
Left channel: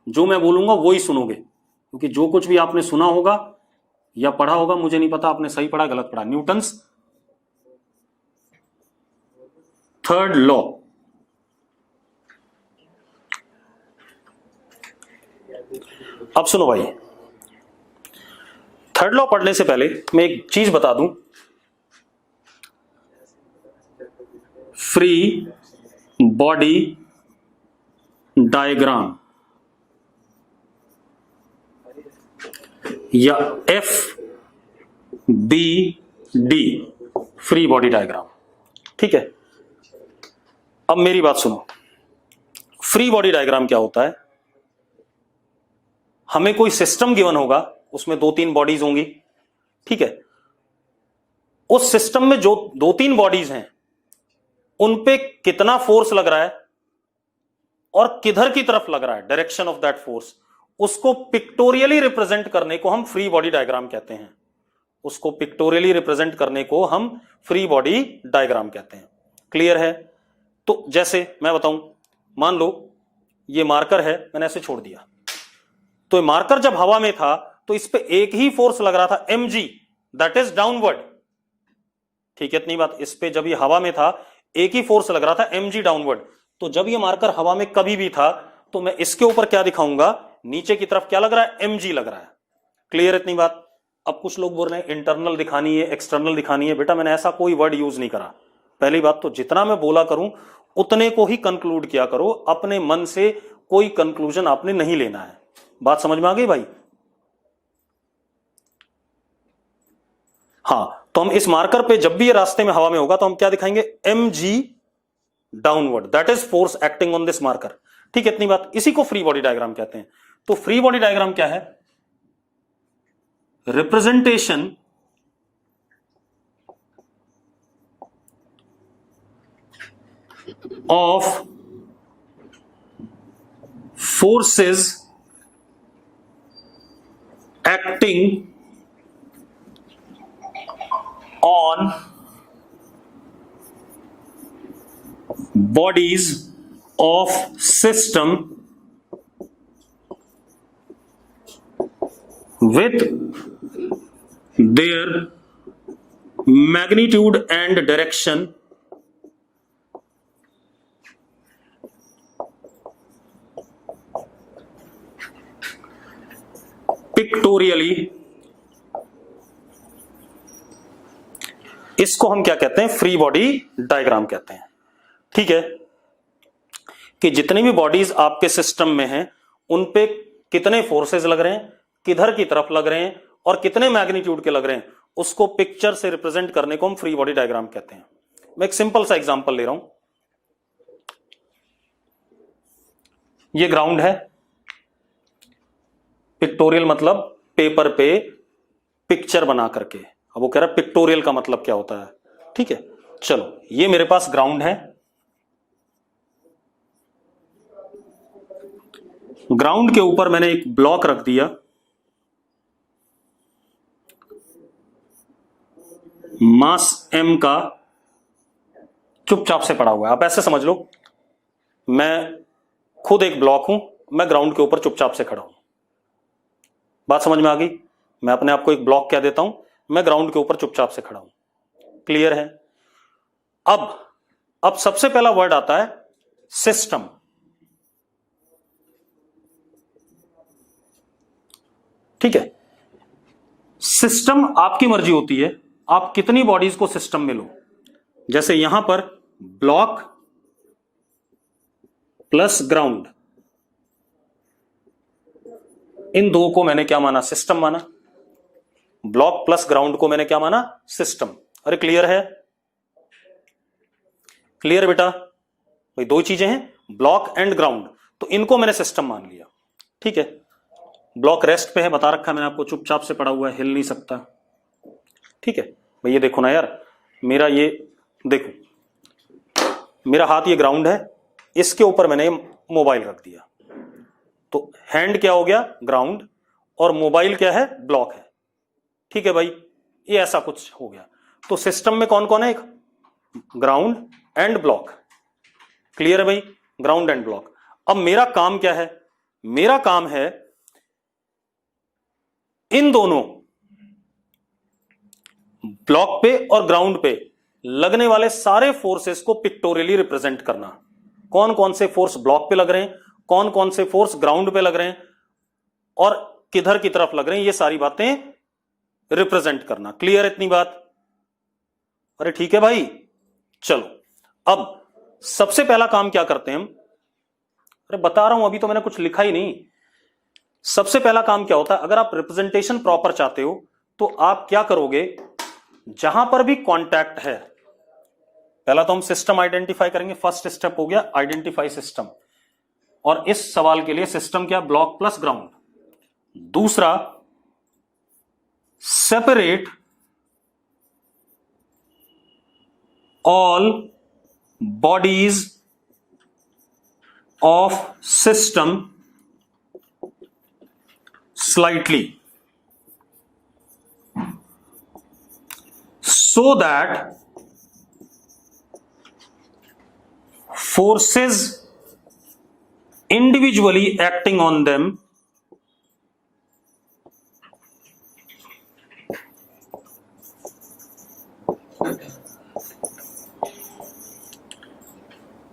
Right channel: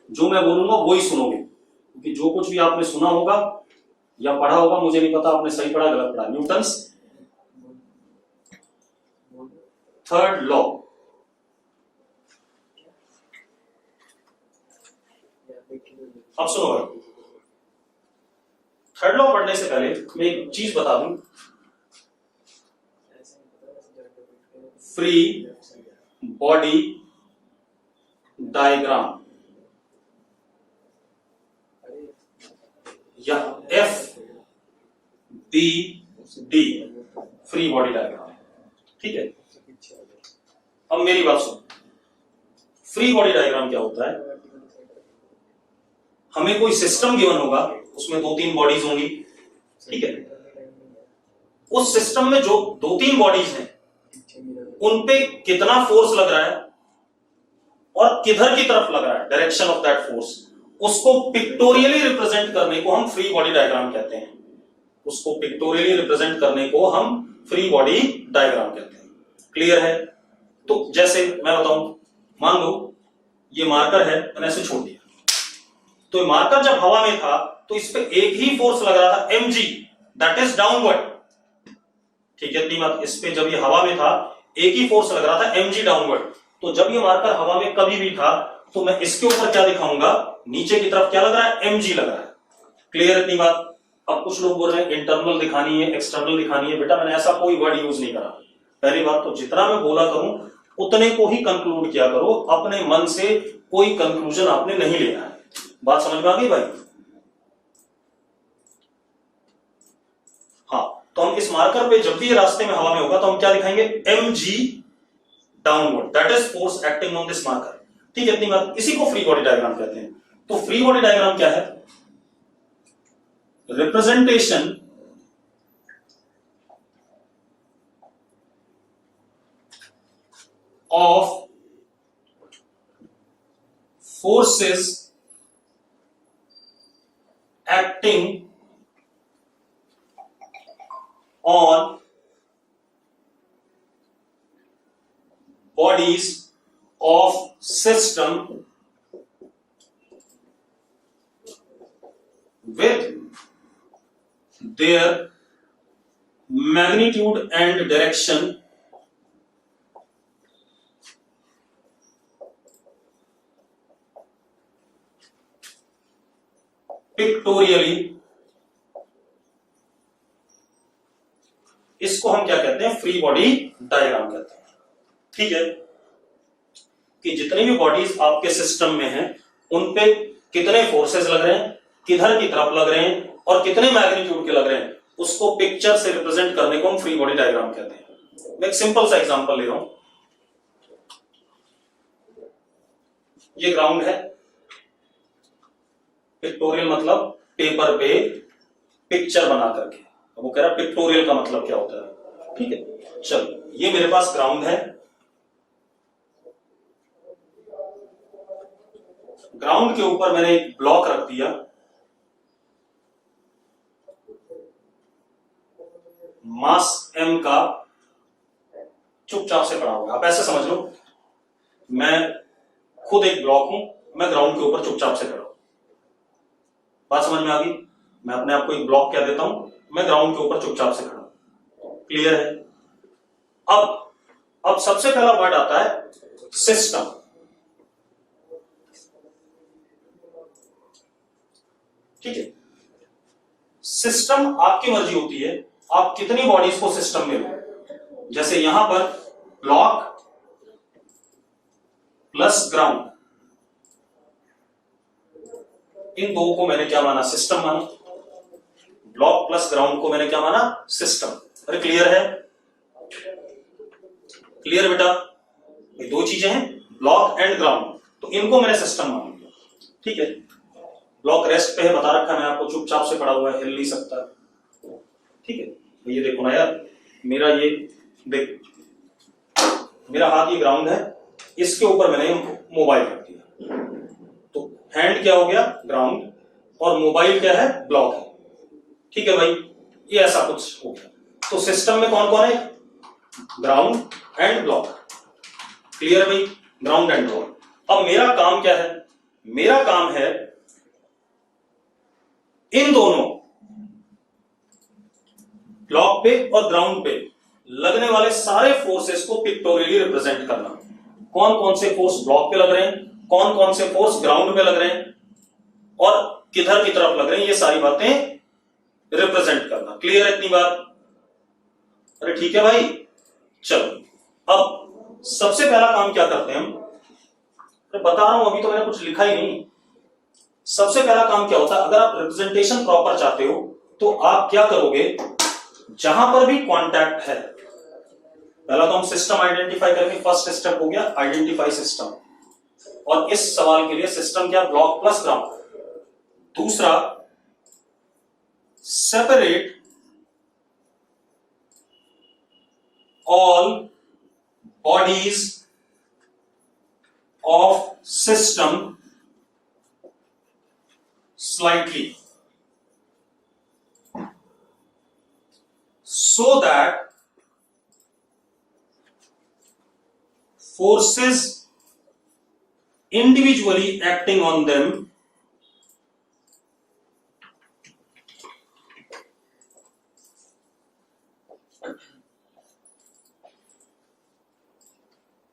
जो मैं बोलूंगा वो ही सुनोगे, क्योंकि जो कुछ भी आपने सुना होगा या पढ़ा होगा, मुझे नहीं पता आपने सही पढ़ा गलत पढ़ा। न्यूटन्स थर्ड लॉ, अब सुनो भाई, थर्ड लॉ पढ़ने से पहले मैं एक चीज बता दूं, फ्री बॉडी डायग्राम या FBD, फ्री बॉडी डायग्राम। ठीक है, अब मेरी बात सुनो, फ्री बॉडी डायग्राम क्या होता है, हमें कोई सिस्टम गिवन होगा, उसमें 2-3 बॉडीज होंगी। ठीक है, उस सिस्टम में जो 2-3 बॉडीज हैं उन पे कितना फोर्स लग रहा है और किधर की तरफ लग रहा है, डायरेक्शन ऑफ दैट फोर्स, उसको पिक्टोरियली रिप्रेजेंट करने को हम फ्री बॉडी डायग्राम कहते हैं। उसको पिक्टोरियली रिप्रेजेंट करने को हम फ्री बॉडी डायग्राम कहते हैं। क्लियर है। तो जैसे मैं बताऊं, मान लो ये मार्कर है, मैंने ऐसे छोड़ दिया, तो ये मार्कर जब हवा में था तो इस पे एक ही फोर्स लग रहा था, mg, दैट इज डाउनवर्ड। ठीक है, इतनी बात। इस पे जब ये हवा में था एक ही फोर्स लग रहा था, mg डाउनवर्ड। तो जब ये मार्कर हवा में कभी भी था तो मैं इसके ऊपर क्या दिखाऊंगा, नीचे की तरफ क्या लग रहा है, mg लग रहा है। क्लियर, इतनी बात। अब कुछ लोग बोल रहे हैं इंटरनल दिखानी है, एक्सटर्नल दिखानी है। बेटा मैंने ऐसा कोई वर्ड यूज नहीं करा। पहली बात तो जितना मैं बोला करूं उतने को ही कंक्लूड किया करो, अपने मन से कोई कंक्लूजन आपने नहीं लेना है। बात समझ में आ गई भाई। हाँ, तो हम इस मार्कर पे जब भी ये रास्ते में हवा में होगा तो हम क्या दिखाएंगे, mg downward, that is force acting on this marker. ठीक है, इतनी बात। इसी को फ्री बॉडी डायग्राम कहते हैं। तो फ्री बॉडी डायग्राम क्या है, representation of forces acting on bodies of system with their magnitude and direction pictorially, इसको हम क्या कहते हैं, फ्री बॉडी डायग्राम कहते हैं। ठीक है, कि जितनी भी बॉडीज आपके सिस्टम में हैं उन पे कितने फोर्सेस लग रहे हैं, किधर की तरफ लग रहे हैं और कितने मैग्नीट्यूड के लग रहे हैं, उसको पिक्चर से रिप्रेजेंट करने को हम फ्री बॉडी डायग्राम कहते हैं। मैं एक सिंपल सा एग्जांपल ले रहा हूं। ये ग्राउंड है, पिक्टोरियल मतलब पेपर पे पिक्चर बना करके। अब वो कह रहा है पिक्टोरियल का मतलब क्या होता है। ठीक है, चलो ये मेरे पास ग्राउंड है। ग्राउंड के ऊपर मैंने एक ब्लॉक रख दिया, मास m का, चुपचाप से पड़ा हुआ है। आप ऐसे समझ लो, मैं खुद एक ब्लॉक हूं, मैं ग्राउंड के ऊपर चुपचाप से खड़ा हूं। बात समझ में आ गई? मैं अपने आप को एक ब्लॉक कह देता हूं, मैं ग्राउंड के ऊपर चुपचाप से खड़ा हूं। क्लियर है? अब सबसे पहला वर्ड आता है सिस्टम। ठीक है, सिस्टम आपकी मर्जी होती है, आप कितनी बॉडीज को सिस्टम में लो। जैसे यहां पर ब्लॉक प्लस ग्राउंड, इन दो को मैंने क्या माना, सिस्टम माना। ब्लॉक प्लस ग्राउंड को मैंने क्या माना, सिस्टम। अरे क्लियर है? क्लियर बेटा? भाई दो चीजें हैं, ब्लॉक एंड ग्राउंड, तो इनको मैंने सिस्टम मान लिया। ठीक है, ब्लॉक रेस्ट पे है, बता रखा मैंने आपको, चुपचाप से पड़ा हुआ है, हिल नहीं सकता। ठीक है भाई, ये देखो ना यार, मेरा ये देखो, मेरा हाथ ये ग्राउंड है, इसके ऊपर मैंने मोबाइल रख दिया, तो हैंड क्या हो गया, ग्राउंड, और मोबाइल क्या है, ब्लॉक है। ठीक है भाई, ये ऐसा कुछ हो गया। तो सिस्टम में कौन कौन है, ग्राउंड एंड ब्लॉक। क्लियर है भाई? Ground and block. अब मेरा काम क्या है, मेरा काम है इन दोनों ब्लॉक पे और ग्राउंड पे लगने वाले सारे फोर्सेस को पिक्टोरियली रिप्रेजेंट करना। कौन कौन से फोर्स ब्लॉक पे लग रहे हैं, कौन कौन से फोर्स ग्राउंड पे लग रहे हैं, और किधर की तरफ लग रहे हैं, ये सारी बातें रिप्रेजेंट करना। क्लियर है इतनी बात? अरे ठीक है भाई, चलो अब सबसे पहला काम क्या करते हैं हम, अरे बता रहा हूं, अभी तो मैंने कुछ लिखा ही नहीं। सबसे पहला काम क्या होता है, अगर आप रिप्रेजेंटेशन प्रॉपर चाहते हो तो आप क्या करोगे, जहां पर भी कॉन्टैक्ट है, पहला तो हम सिस्टम आइडेंटिफाई करेंगे। फर्स्ट स्टेप हो गया आइडेंटिफाई सिस्टम, और इस सवाल के लिए सिस्टम क्या, ब्लॉक प्लस ग्राउंड। दूसरा, separate all bodies of system slightly so that forces individually acting on them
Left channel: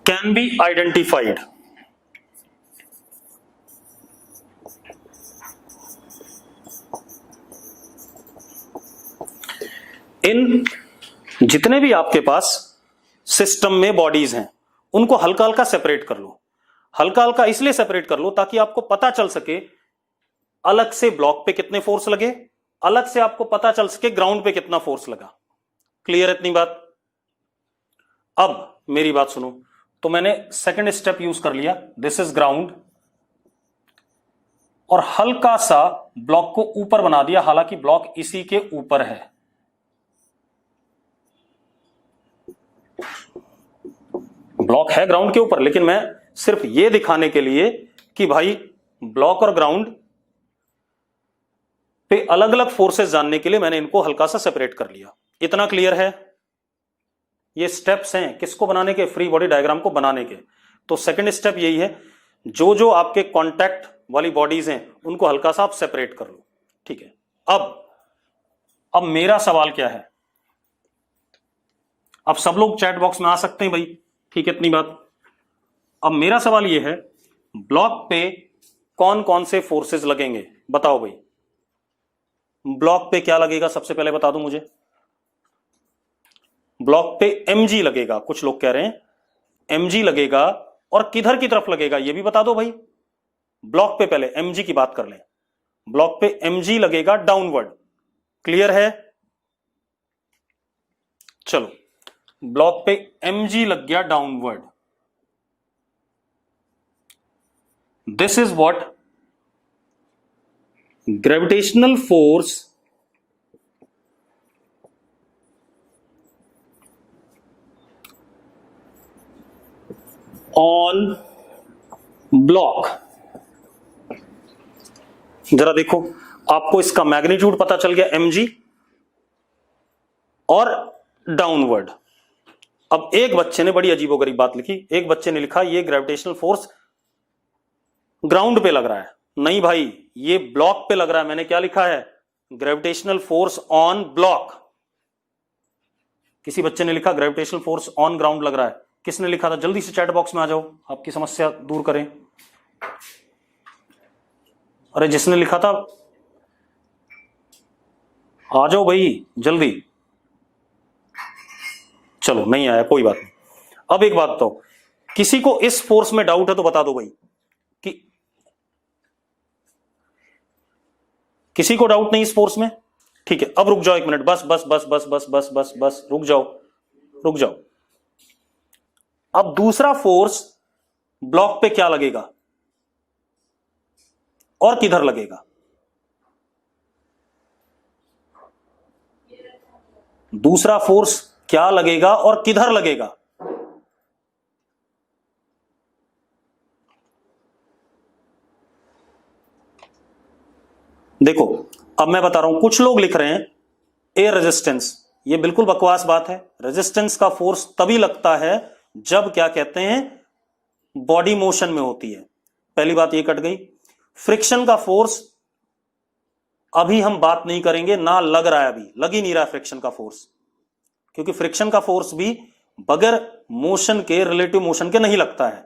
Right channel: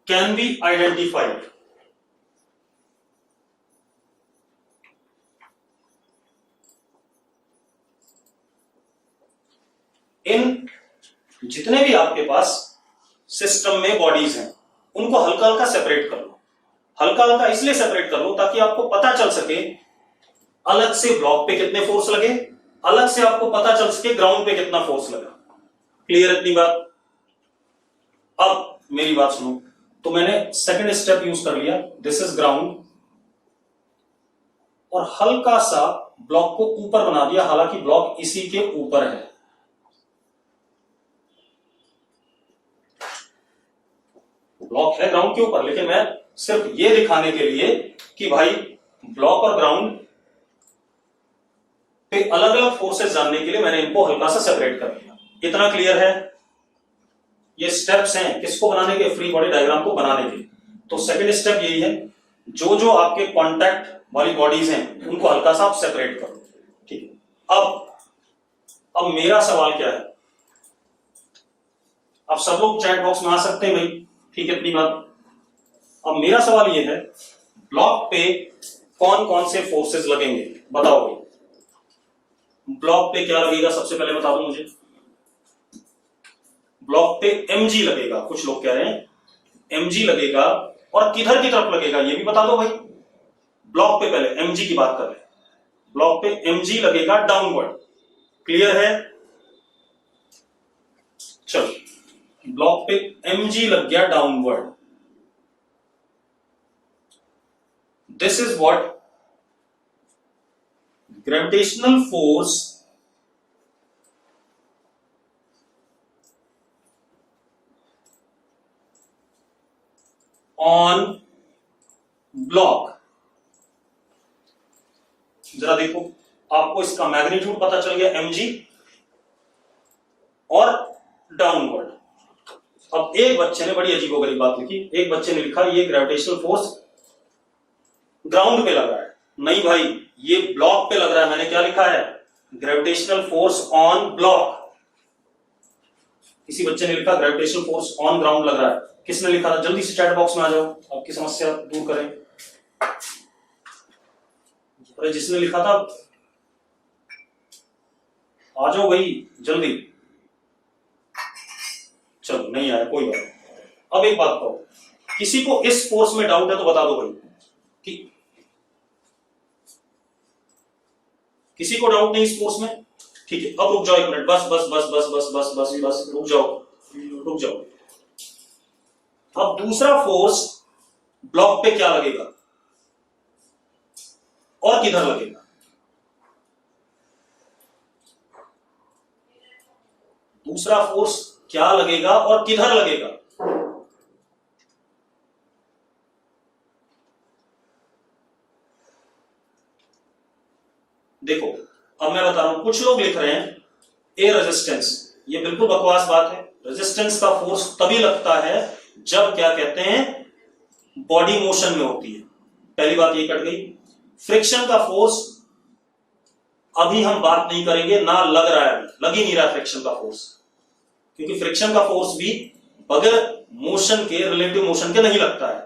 can be identified. इन जितने भी आपके पास सिस्टम में बॉडीज हैं उनको हल्का हल्का सेपरेट कर लो। हल्का हल्का इसलिए सेपरेट कर लो ताकि आपको पता चल सके अलग से ब्लॉक पे कितने फोर्स लगे, अलग से आपको पता चल सके ग्राउंड पे कितना फोर्स लगा। क्लियर इतनी बात? अब मेरी बात सुनो, तो मैंने सेकंड स्टेप यूज कर लिया, दिस इज ग्राउंड, और हल्का सा ब्लॉक को ऊपर बना दिया, हालांकि ब्लॉक इसी के ऊपर है। ब्लॉक है ग्राउंड के ऊपर, लेकिन मैं सिर्फ ये दिखाने के लिए कि भाई ब्लॉक और ग्राउंड पे अलग अलग फोर्सेस जानने के लिए मैंने इनको हल्का सा सेपरेट कर लिया। इतना क्लियर है? ये स्टेप्स हैं किसको बनाने के, फ्री बॉडी डायग्राम को बनाने के। तो सेकंड स्टेप यही है, जो जो आपके कॉन्टैक्ट वाली बॉडीज हैं उनको हल्का सा आप सेपरेट कर लो। ठीक है, अब अब मेरा सवाल क्या है, अब सब लोग चैट बॉक्स में आ सकते हैं भाई, ठीक है, इतनी बात। अब मेरा सवाल यह है, ब्लॉक पे कौन कौन से फोर्सेस लगेंगे, बताओ भाई। ब्लॉक पे क्या लगेगा, सबसे पहले बता दो मुझे। ब्लॉक पे mg लगेगा, कुछ लोग कह रहे हैं mg लगेगा, और किधर की तरफ लगेगा ये भी बता दो भाई। ब्लॉक पे पहले mg की बात कर ले, ब्लॉक पे mg लगेगा डाउनवर्ड, क्लियर है। चलो, ब्लॉक पे mg लग गया downward, this is what gravitational force on block. जरा देखो, आपको इसका मैग्नीट्यूड पता चल गया mg और डाउनवर्ड। अब एक बच्चे ने बड़ी अजीबोगरीब बात लिखी, एक बच्चे ने लिखा ये ग्रेविटेशनल फोर्स ग्राउंड पे लग रहा है। नहीं भाई, ये ब्लॉक पे लग रहा है। मैंने क्या लिखा है, ग्रेविटेशनल फोर्स ऑन ब्लॉक। किसी बच्चे ने लिखा ग्रेविटेशनल फोर्स ऑन ग्राउंड लग रहा है। किसने लिखा था, जल्दी से चैट बॉक्स में आ जाओ, आपकी समस्या दूर करें। अरे जिसने लिखा था आ जाओ भाई जल्दी। चलो नहीं आया, कोई बात नहीं। अब एक बात तो, किसी को इस फोर्स में डाउट है तो बता दो भाई, कि किसी को डाउट नहीं इस फोर्स में? ठीक है, अब रुक जाओ एक मिनट, बस बस बस बस बस बस बस बस रुक जाओ, रुक जाओ। अब दूसरा फोर्स ब्लॉक पे क्या लगेगा और किधर लगेगा? दूसरा फोर्स क्या लगेगा और किधर लगेगा? देखो, अब मैं बता रहा हूं, कुछ लोग लिख रहे हैं ए रेजिस्टेंस। ये बिल्कुल बकवास बात है। रेजिस्टेंस का फोर्स तभी लगता है जब क्या कहते हैं, बॉडी मोशन में होती है। पहली बात ये कट गई। फ्रिक्शन का फोर्स अभी हम बात नहीं करेंगे, ना लग रहा है, अभी लग ही नहीं रहा फ्रिक्शन का फोर्स, क्योंकि फ्रिक्शन का फोर्स भी बगैर मोशन के, रिलेटिव मोशन के नहीं लगता है।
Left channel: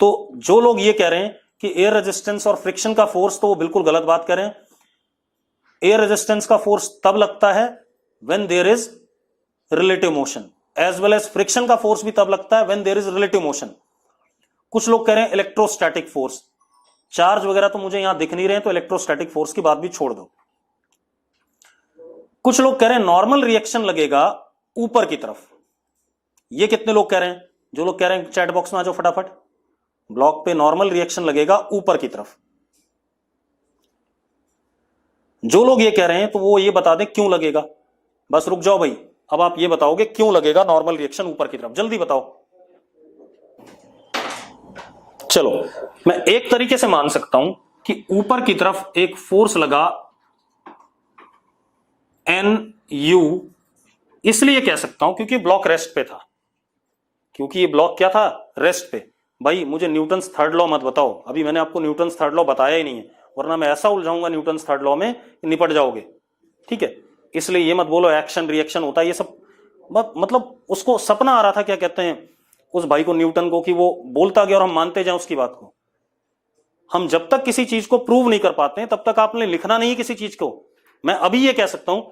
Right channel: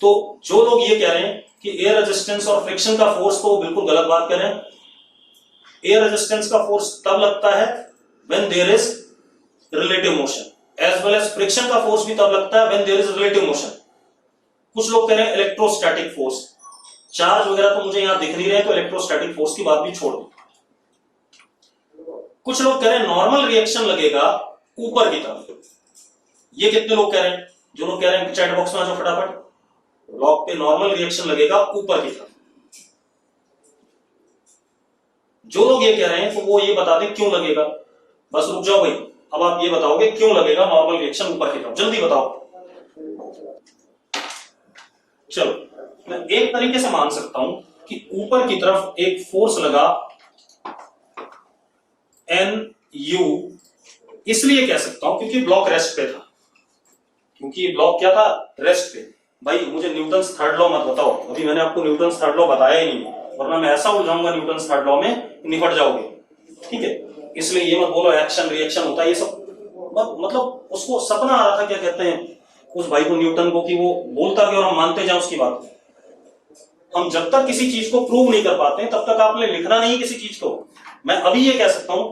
तो जो लोग ये कह रहे हैं कि एयर रेजिस्टेंस और फ्रिक्शन का फोर्स, तो वो बिल्कुल गलत बात कर रहे हैं। एयर रेजिस्टेंस का फोर्स तब लगता है when there is relative motion, as well as friction का फोर्स भी तब लगता है when there is relative motion. कुछ लोग कह रहे हैं इलेक्ट्रोस्टैटिक फोर्स, चार्ज वगैरह तो मुझे यहां दिख नहीं रहे, तो इलेक्ट्रोस्टैटिक फोर्स की बात भी छोड़ दो। कुछ लोग कह रहे हैं नॉर्मल रिएक्शन लगेगा ऊपर की तरफ। ये कितने लोग कह रहे हैं? जो लोग कह रहे हैं चैट बॉक्स में आ जाओ फटाफट। ब्लॉक पे नॉर्मल रिएक्शन लगेगा ऊपर की तरफ। जो लोग ये कह रहे हैं तो वो ये बता दें क्यों लगेगा। बस रुक जाओ भाई, अब आप ये बताओगे क्यों लगेगा नॉर्मल रिएक्शन ऊपर की तरफ, जल्दी बताओ। चलो, मैं एक तरीके से मान सकता हूं कि ऊपर की तरफ एक फोर्स लगा NU, इसलिए कह सकता हूं क्योंकि ब्लॉक रेस्ट पे था। क्योंकि ये ब्लॉक क्या था, रेस्ट पे। भाई मुझे न्यूटन्स थर्ड लॉ मत बताओ, अभी मैंने आपको न्यूटन्स थर्ड लॉ बताया ही नहीं, वरना मैं ऐसा उलझाऊंगा न्यूटन्स थर्ड लॉ में, निपट जाओगे। ठीक है, इसलिए ये मत बोलो एक्शन रिएक्शन होता है, ये सब मतलब उसको सपना आ रहा था, क्या कहते हैं उस भाई को, न्यूटन को, कि वो बोलता गया और हम मानते जाए उसकी बात को। हम जब तक किसी चीज को प्रूव नहीं कर पाते तब तक आपने लिखना नहीं किसी चीज को। मैं अभी ये कह सकता हूं,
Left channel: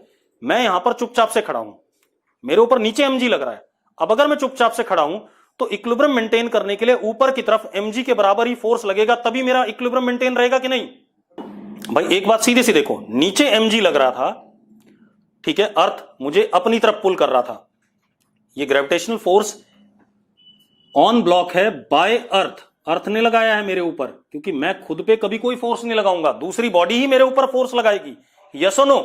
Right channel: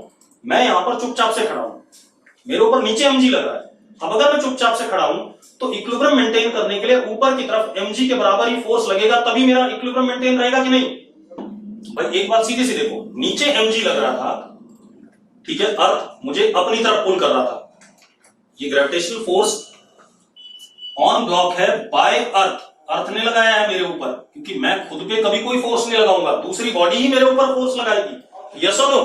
मैं यहां पर चुपचाप से खड़ा हूं, मेरे ऊपर नीचे mg लग रहा है। अब अगर मैं चुपचाप से खड़ा हूं तो इक्विलिब्रियम मेंटेन करने के लिए ऊपर की तरफ mg के बराबर ही फोर्स लगेगा, तभी मेरा इक्विलिब्रियम मेंटेन रहेगा कि नहीं? भाई एक बात सीधे सी देखो, नीचे mg लग रहा था, ठीक है, अर्थ मुझे अपनी तरफ पुल कर रहा था। ये ग्रेविटेशनल फोर्स ऑन ब्लॉक है बाय अर्थ, अर्थ ने लगाया है मेरे ऊपर, क्योंकि मैं खुद पे कभी कोई फोर्स नहीं लगाऊंगा, दूसरी बॉडी ही मेरे ऊपर फोर्स लगाएगी। यस और नो?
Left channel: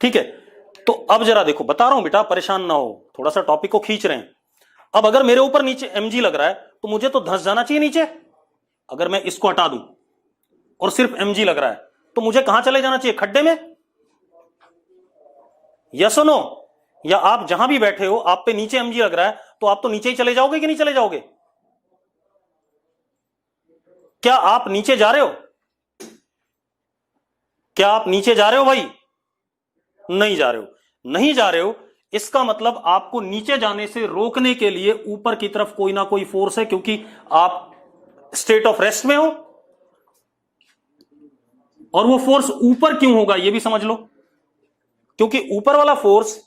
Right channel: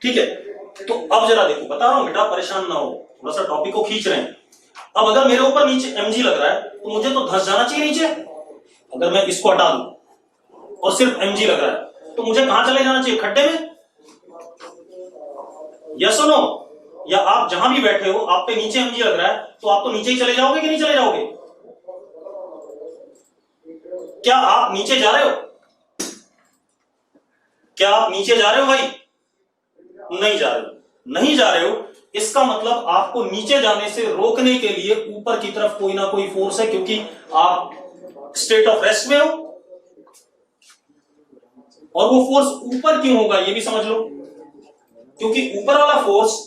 ठीक है, तो अब जरा देखो, बता रहा हूं बेटा, परेशान ना हो, थोड़ा सा टॉपिक को खींच रहे हैं। अब अगर मेरे ऊपर नीचे mg लग रहा है तो मुझे तो धंस जाना चाहिए नीचे। अगर मैं इसको हटा दूं और सिर्फ mg लग रहा है तो मुझे कहां चले जाना चाहिए, खड्डे में? यस और नो? या आप जहां भी बैठे हो, आप पे नीचे mg लग रहा है तो आप तो नीचे ही चले जाओगे कि नहीं चले जाओगे? क्या आप नीचे जा रहे हो? क्या आप नीचे जा रहे हो भाई? नहीं जा रहे हो। नहीं जा रहे हो, इसका मतलब आपको नीचे जाने से रोकने के लिए ऊपर की तरफ कोई ना कोई फोर्स है, क्योंकि आप स्टेट ऑफ रेस्ट में हो। और वो फोर्स ऊपर क्यों होगा ये भी समझ लो, क्योंकि ऊपर वाला फोर्स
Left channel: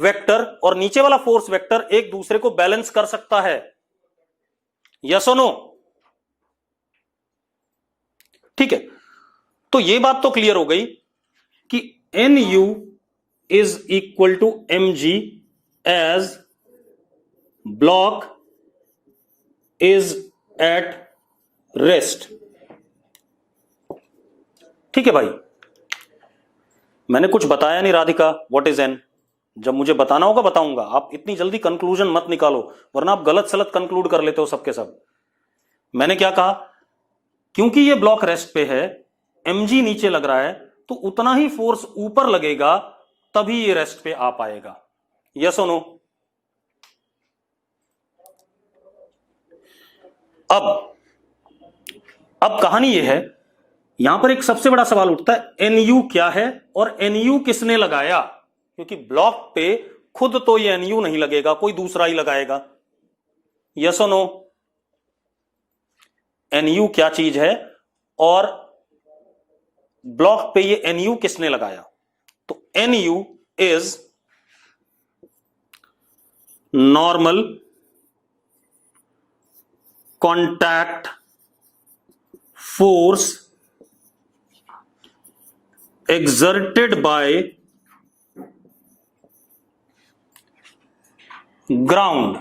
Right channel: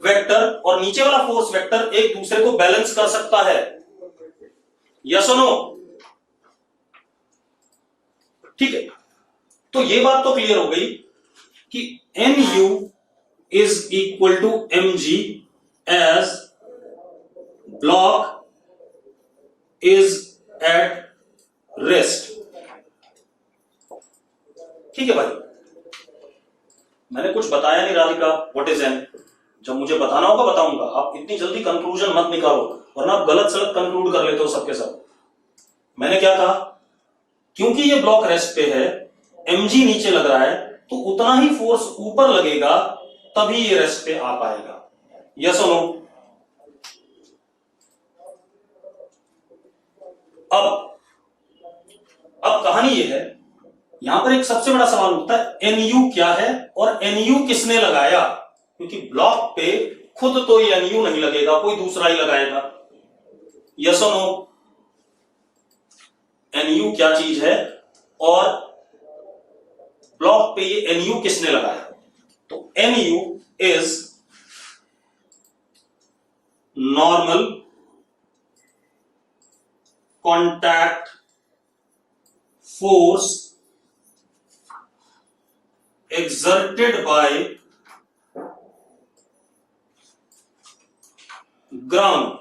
वेक्टर और नीचे वाला फोर्स वेक्टर एक दूसरे को बैलेंस कर सकता है। यस और नो? ठीक है, तो ये बात तो क्लियर हो गई कि NU is equal to mg as block is at rest. ठीक है भाई, मैंने कुछ बताया नहीं राधिका, व्हाट इज एन? जब मुझे बताना होगा बताऊंगा। आप इतनी जल्दी कंक्लूजन मत निकालो, वरना आप गलत सलत कंक्लूड कर लेते हो सबके सब। मैंने क्या कहा, क्योंकि ये ब्लॉक रेस्ट पे है, mg नीचे लग रहा है, तो उतना ही फोर्स ऊपर लगेगा, तभी ये रेस्ट पे आ पाएगा। यस और नो? अब कहानी ये है, यहां पर एक सबसे बड़ा सवाल उठता है, NU क्या है और NU किसने लगाया? क्योंकि ब्लॉक पे खुद तो ये NU नहीं लगेगा, कोई दूसरा ही लगाएगा। यस और नो? NU क्या चीज है और ब्लॉक पे ये NU किसने लगाया? तो NU is normal contact force exerted by ground।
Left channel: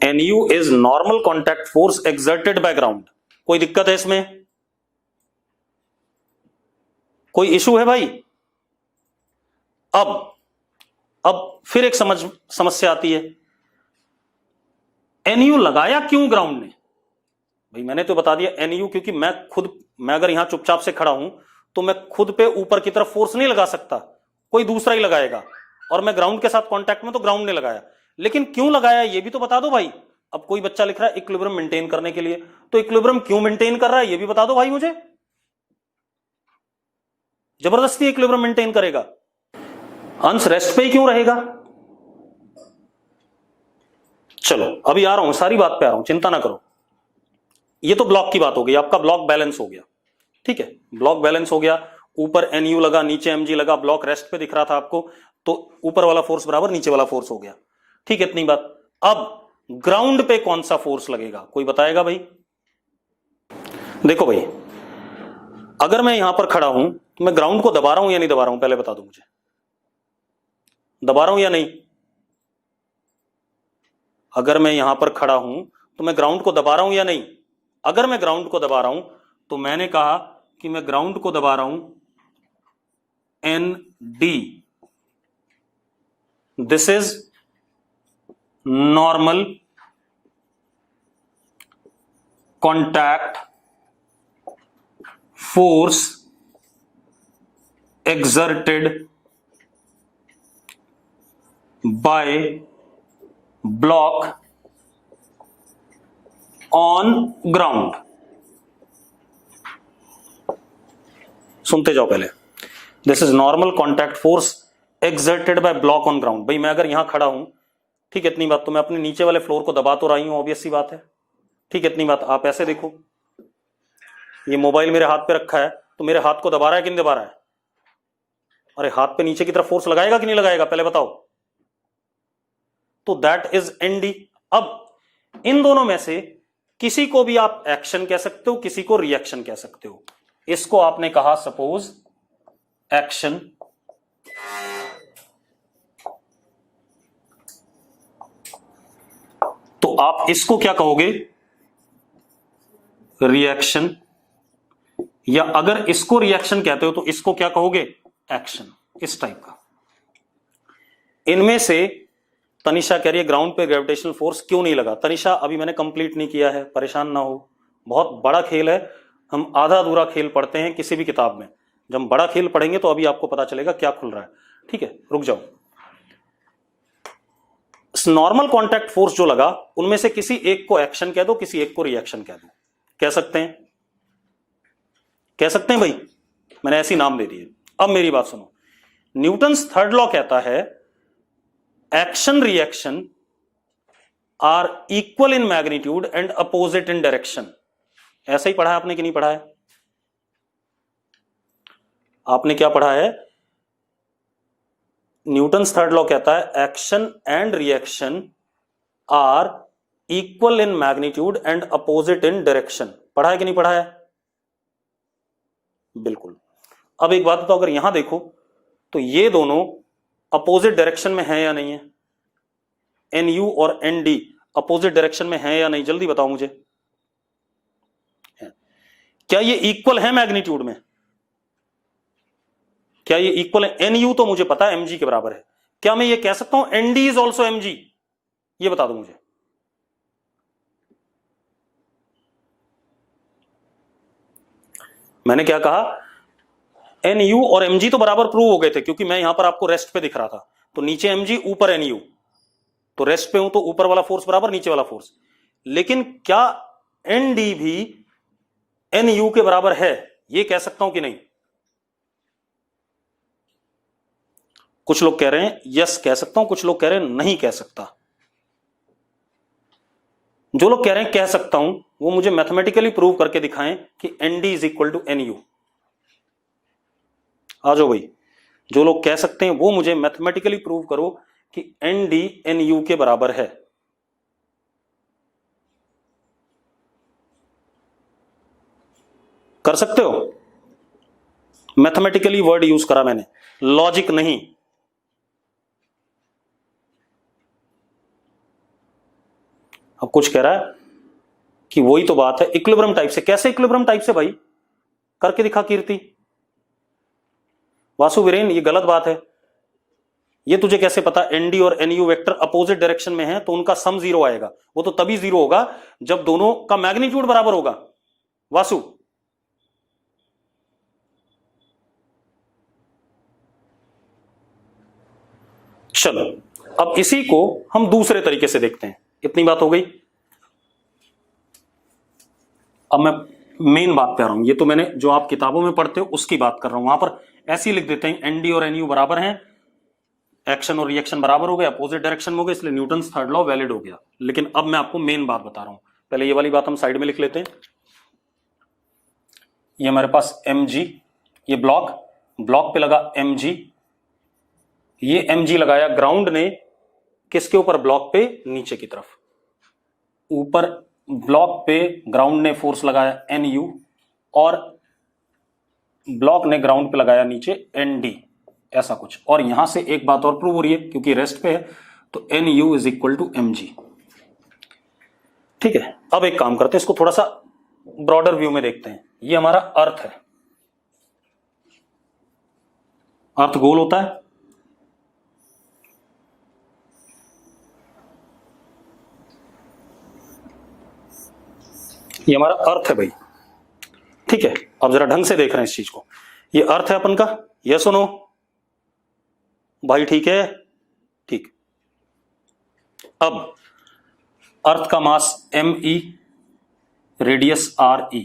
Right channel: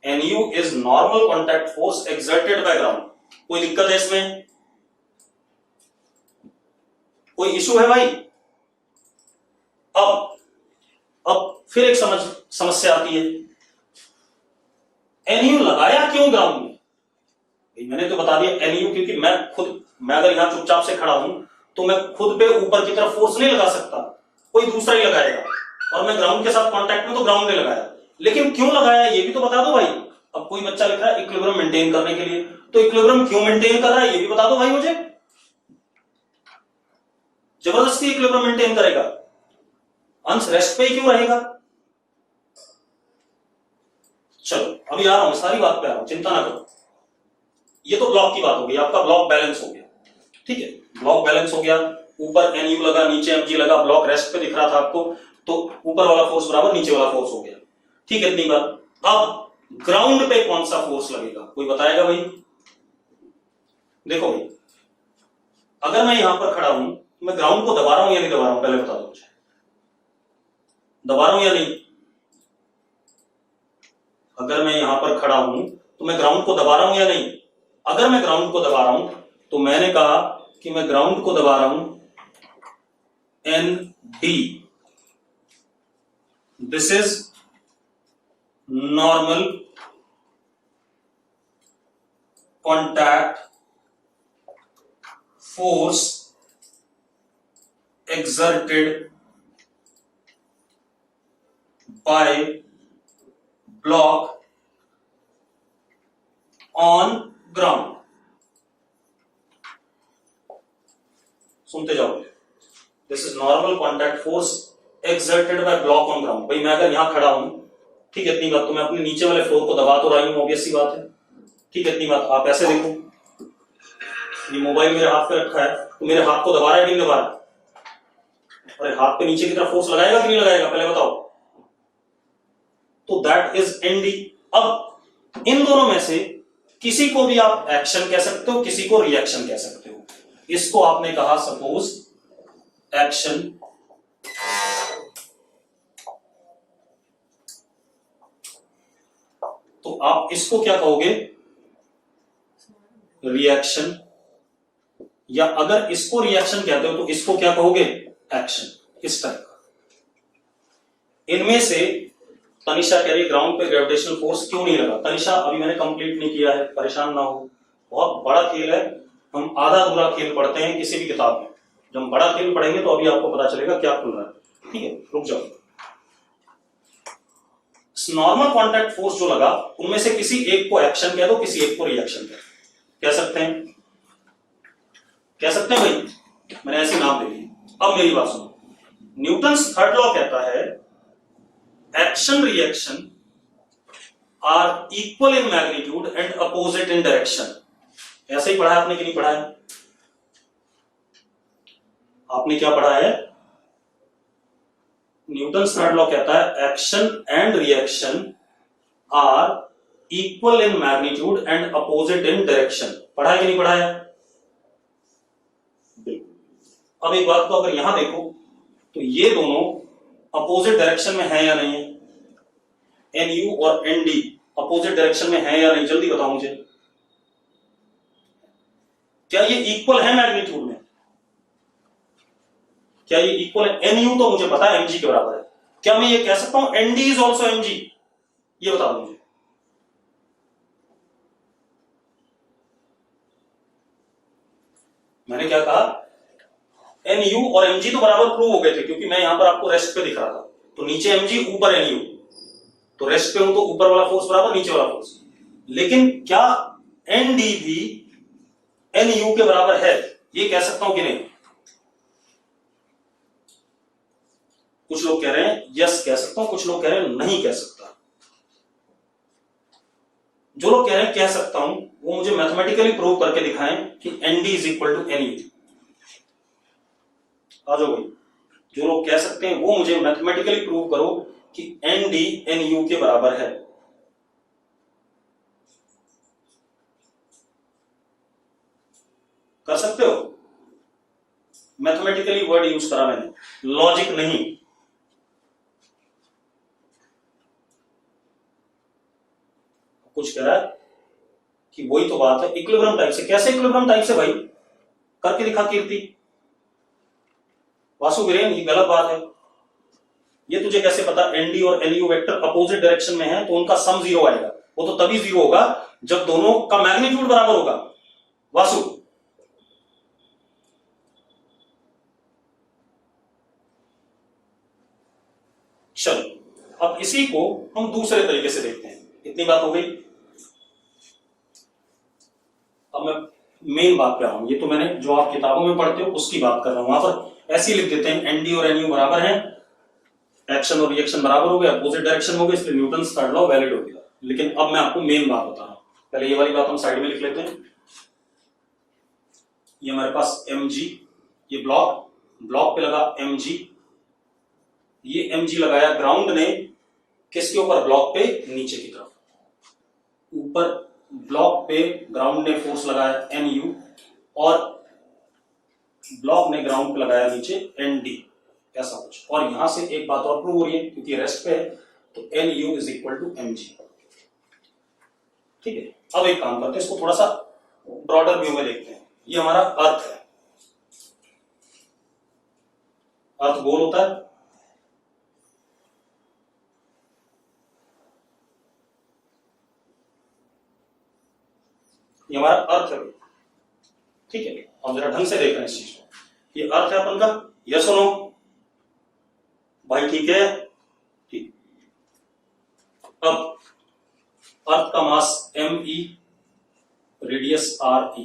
NU is normal contact force exerted by ground। कोई दिक्कत है इसमें? कोई इशू है भाई? अब फिर एक समस्या आती है, NU लगाया क्यों ग्राउंड में? भाई मैंने तो बता दिया NU, क्योंकि मैं अगर यहां चुपचाप से खड़ा हूं तो मैं खुद पे ऊपर की तरफ फोर्स नहीं लगा सकता, कोई दूसरा ही लगाएगा। और मैं ग्राउंड के साथ कांटेक्ट में, तो ग्राउंड ने लगाया। लेकिन क्यों लगाया ये भी तो बता दो भाई। अब कोई बच्चा लिख रहा है इक्विलिब्रियम मेंटेन करने के लिए, तो इक्विलिब्रियम क्यों मेंटेन कर रहा है ये भी बता दो भाई मुझे। जबरदस्ती इक्विलिब्रियम मेंटेन करेगा, अंश रेस्ट पे ही क्यों रहेगा? चलो अभी आ रहा हूं, सारी बात पे आ रहा हूं, चिंता ना करो। ये तो ब्लॉक की बात हो गई, आपका ब्लॉक बैलेंस हो गया। ठीक है, ब्लॉक बैलेंस हो गया, ऊपर NU लगा, नीचे mg लगा, ब्लॉक रेस्ट पे दिख रहा था आपको, तो ऊपर वाला फोर्स बराबर नीचे वाला फोर्स हो गया। ठीक है, इतनी बात। अब ग्राउंड पे कौन सा फोर्स लगेगा, कोई बताएगा भाई? देखो भाई, अगर मैं यहां पर खड़ा हूं तो मैं ग्राउंड को दबा रहा हूं या नहीं दबा रहा हूं, पहले बता दो मुझे। दबा रहा हूं या नहीं? अगर मैं यहां पर खड़ा हूं तो मैं ग्राउंड को दबा रहा हूं या नहीं? अगर मैं ग्राउंड को दबा रहा हूं तो मैंने कहा कि मैं ग्राउंड को दबा रहा हूं ND। This is normal contact force exerted by block on ground। सुनते जाओ पहले, this is normal contact force exerted by block on ground. भाई मैं अगर यहां खड़ा हूं, ठीक है इतनी बात, तो मैं अपने नीचे वाले फ्लोर को दबा तो रही हूं, ऑब्वियस सी बात है। ठीक है इतनी बात। आप ऐसे देखो, ये मोबाइल मेरे हाथ पे रखा है, तो मेरे हाथ को दबा रहा है कि नहीं दबा रहा है? अरे हाथ पे नीचे की तरफ फोर्स लगाएगा कि नहीं लगाएगा, पहले बताओ। तो दैट इज ND। अब इन दोनों में से किसी को भी आप एक्शन कह सकते हो, किसी को रिएक्शन कह सकते हो। इसको आपने कहा सपोज एक्शन, तो आप इसको क्या कहोगे? रिएक्शन। या अगर इसको रिएक्शन कहते हो तो इसको क्या कहोगे? एक्शन। इस टाइप का। इनमें से तनिषा कह रही है ग्राउंड पे ग्रेविटेशनल फोर्स क्यों नहीं लगा। तनिषा अभी मैंने कंप्लीट नहीं किया है, परेशान ना हो, बहुत बड़ा खेल है। हम आधा अधूरा खेल पढ़ते हैं किसी भी किताब में, जब हम बड़ा खेल पढ़ेंगे तो अभी आपको पता चलेगा क्या खुल रहा है। ठीक है, रुक जाओ। नॉर्मल कॉन्टैक्ट फोर्स जो लगा, उनमें से किसी एक को एक्शन कह दो, किसी एक को रिएक्शन कह दो। कह सकते हैं, कह सकते हैं भाई, मैंने ऐसी नाम दे दी। अब मेरी बात सुनो, न्यूटन्स थर्ड लॉ कहता है action reaction are equal in magnitude and opposite in direction. ऐसा ही पढ़ा है आपने कि नहीं पढ़ा है? आपने क्या पढ़ा है? न्यूटन्स थर्ड लॉ कहता है action and reaction are equal in magnitude and opposite in direction. पढ़ा है कि नहीं पढ़ा है? बिल्कुल। अब एक बात तो, अगर यहां देखो तो ये दोनों अपोजिट डायरेक्शन में है या नहीं है? एन यू और एन डी अपोजिट डायरेक्शन में है या नहीं? जल्दी बताओ मुझे, क्या ये इक्वल है मैग्नीट्यूड में? क्या ये इक्वल है? एन यू तो मुझे पता है mg के बराबर है, क्या मैं ये कह सकता हूं N D is also mg? ये बता दो मुझे। मैंने क्या कहा? एन यू और mg तो बराबर प्रूव हो गए थे, क्योंकि मैं यहां पर आपको रेस्ट पे दिख रहा था, तो नीचे mg ऊपर एन यू, तो रेस्ट पे हूं तो ऊपर वाला फोर्स बराबर नीचे वाला फोर्स। लेकिन क्या एन डी भी एन यू के बराबर है? ये कह सकता हूं कि नहीं? कुछ लोग कह रहे हैं यस कह सकता हूं, कुछ लोग कह रहे हैं नहीं कह सकता। जो लोग कह रहे हैं कह सकता हूं, वो मुझे मैथमेटिकली प्रूव करके दिखाएं कि N D is equal to N U. आ जाओ भाई, जो लोग कह सकते हैं वो मुझे मैथमेटिकली प्रूव करो कि एन डी एन यू के बराबर है। कर सकते हो? मैथमेटिकली वर्ड यूज करा मैंने, लॉजिक नहीं। अब कुछ कह रहा है कि वही तो बात है इक्विलिब्रियम टाइप से। कैसे इक्विलिब्रियम टाइप से भाई? करके दिखा कीर्ति। वासु वीरेन, ये गलत बात है। ये तुझे कैसे पता? एनडी और एनयू वेक्टर अपोजिट डायरेक्शन में है तो उनका सम जीरो आएगा। वो तो तभी जीरो होगा जब दोनों का मैग्नीट्यूड बराबर होगा। वासु, चलो अब इसी को हम दूसरे तरीके से देखते हैं। इतनी बात हो गई। अब मैं मेन बात पे आ रहा हूं। ये तो मैंने जो आप किताबों में पढ़ते हो उसकी बात कर रहा हूं। वहां पर ऐसे ही लिख देते हैं एनडी और एनयू बराबर हैं, एक्शन और रिएक्शन बराबर हो गया, अपोजिट डायरेक्शन में हो गया, इसलिए न्यूटन्स थर्ड लॉ वैलिड हो गया। लेकिन अब मैं आपको मेन बात बता रहा हूं। पहले ये वाली बात हम साइड में लिख लेते हैं। ये हमारे पास mg, ये ब्लॉक पे लगा mg, ये mg लगाया ग्राउंड ने किसके ऊपर? ब्लॉक पे नीचे की तरफ। ऊपर ब्लॉक पे ग्राउंड ने फोर्स लगाया nu और ब्लॉक ने ग्राउंड पे लगाया नीचे nd, ऐसा कुछ। और यहां से एक बात और प्रूव हो रही है, क्योंकि रेस्ट पे है तो nu is equal to mg। ठीक है, अब एक काम करते हैं, इसको थोड़ा सा ब्रॉडर व्यू में देखते हैं। ये हमारा अर्थ है। अर्थ गोल होता है, ये हमारा अर्थ है भाई। ठीक है, अब जरा ढंग से देख रहे हैं इस चीज को। ये अर्थ है अपन का, ये सुनो भाई। ठीक है, ठीक। अब अर्थ का मास me, रेडियस re।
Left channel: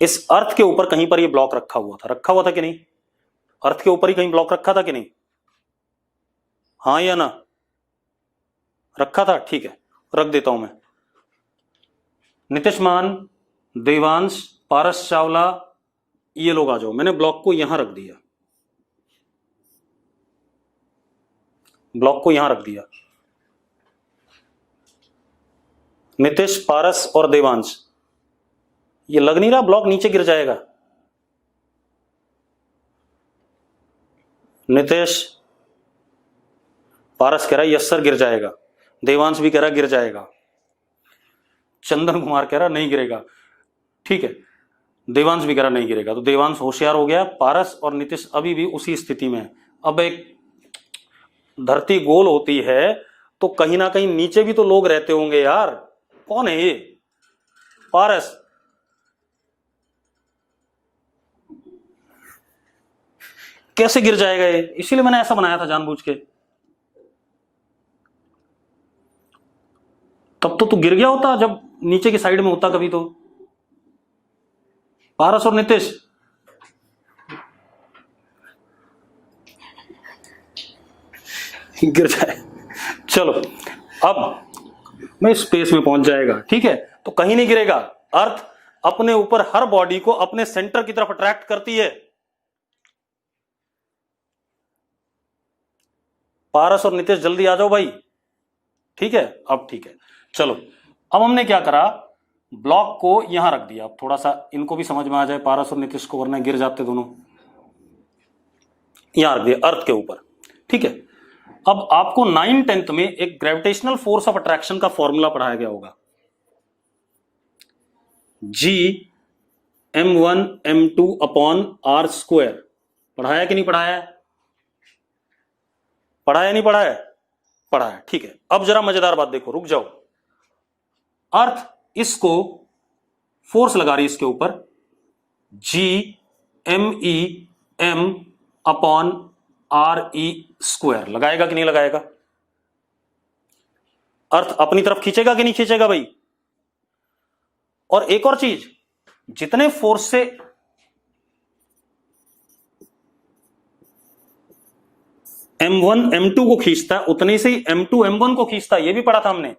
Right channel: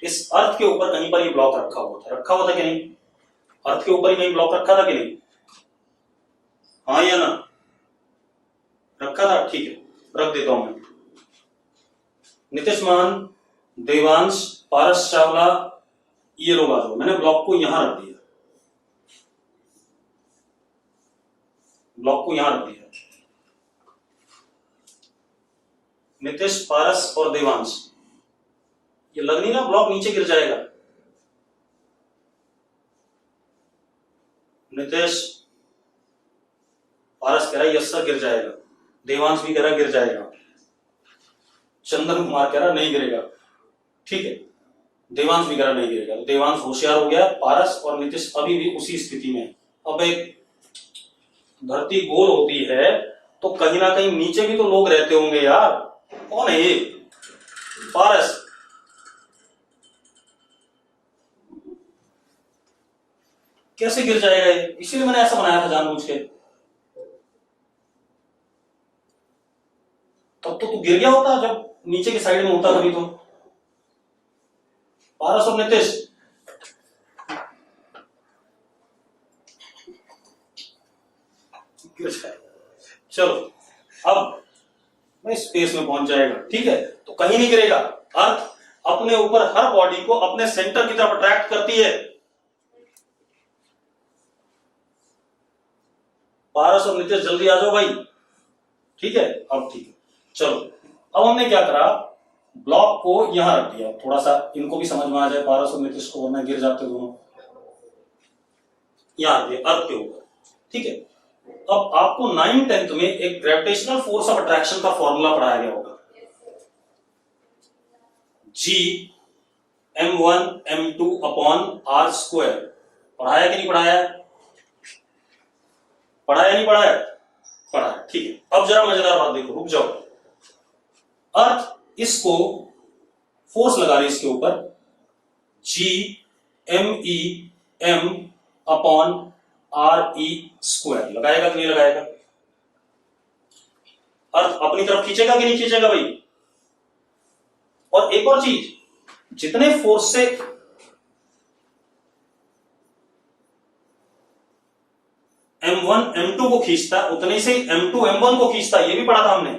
इस अर्थ के ऊपर कहीं पर ये ब्लॉक रखा हुआ था कि नहीं? अर्थ के ऊपर ही कहीं ब्लॉक रखा था कि नहीं? हाँ या ना? रखा था। ठीक है, रख देता हूं मैं। नितिश मान, देवांश, पारस चावला, ये लोग आ जाओ। मैंने ब्लॉक को यहां रख दिया, ब्लॉक को यहां रख दिया। नितिश, पारस और देवांश, ये लग नहीं रहा ब्लॉक नीचे गिर जाएगा? नितिश, पारस कह रहा है यस सर गिर जाएगा, देवांश भी कह रहा है गिर जाएगा, चंदन कुमार कह रहा नहीं गिरेगा। ठीक है, देवांश भी कह रहा नहीं गिरेगा। तो देवांश होशियार हो गया, पारस और नितिश अभी भी उसी स्थिति में। अब एक धरती गोल होती है तो कहीं ना कहीं नीचे भी तो लोग रहते होंगे यार। कौन है ये? पारस। कैसे गिर जाएगा ये? इसीलिए मैंने ऐसा बनाया था जानबूझ के। तब तो तू गिर गया होता जब नीचे की साइड में होता कभी तो। पारस और नीतीश, गिर जाए। चलो अब मैं स्पेस में पहुंच जाएगा, ठीक है, तो कहीं नहीं गिरेगा। अर्थ अपने ऊपर हर बॉडी को अपने सेंटर की तरफ अट्रैक्ट करती है। पारस और नीतीश जल्दी आ जाओ भाई, ठीक है। अब ठीक है, चलो अब हमने क्या करा, ब्लॉक को यहां रख दिया। थोड़ा सा इनको भी समझ में आ जाए, पारस और नीतीश को, वरना गिर जाते दोनों। यहां रख दिया अर्थ के ऊपर, ठीक है। अब आपको 9th-10th में एक ग्रेविटेशनल फोर्स ऑफ अट्रैक्शन का फॉर्मूला पढ़ाया गया होगा, G m1 m2 upon r square. पढ़ाया कि नहीं पढ़ाया? पढ़ाया नहीं पढ़ाया? पढ़ाया, ठीक है। अब जरा मजेदार बात देखो, रुक जाओ। अर्थ इसको फोर्स लगा रही है इसके ऊपर, G m e m upon R E square. लगाएगा कि नहीं लगाएगा? अर्थ अपनी तरफ खींचेगा कि नहीं खींचेगा भाई? और एक और चीज, जितने फोर्स से m1 m2 को खींचता है, उतने से m2 m1 को खींचता है, ये भी पढ़ा था हमने।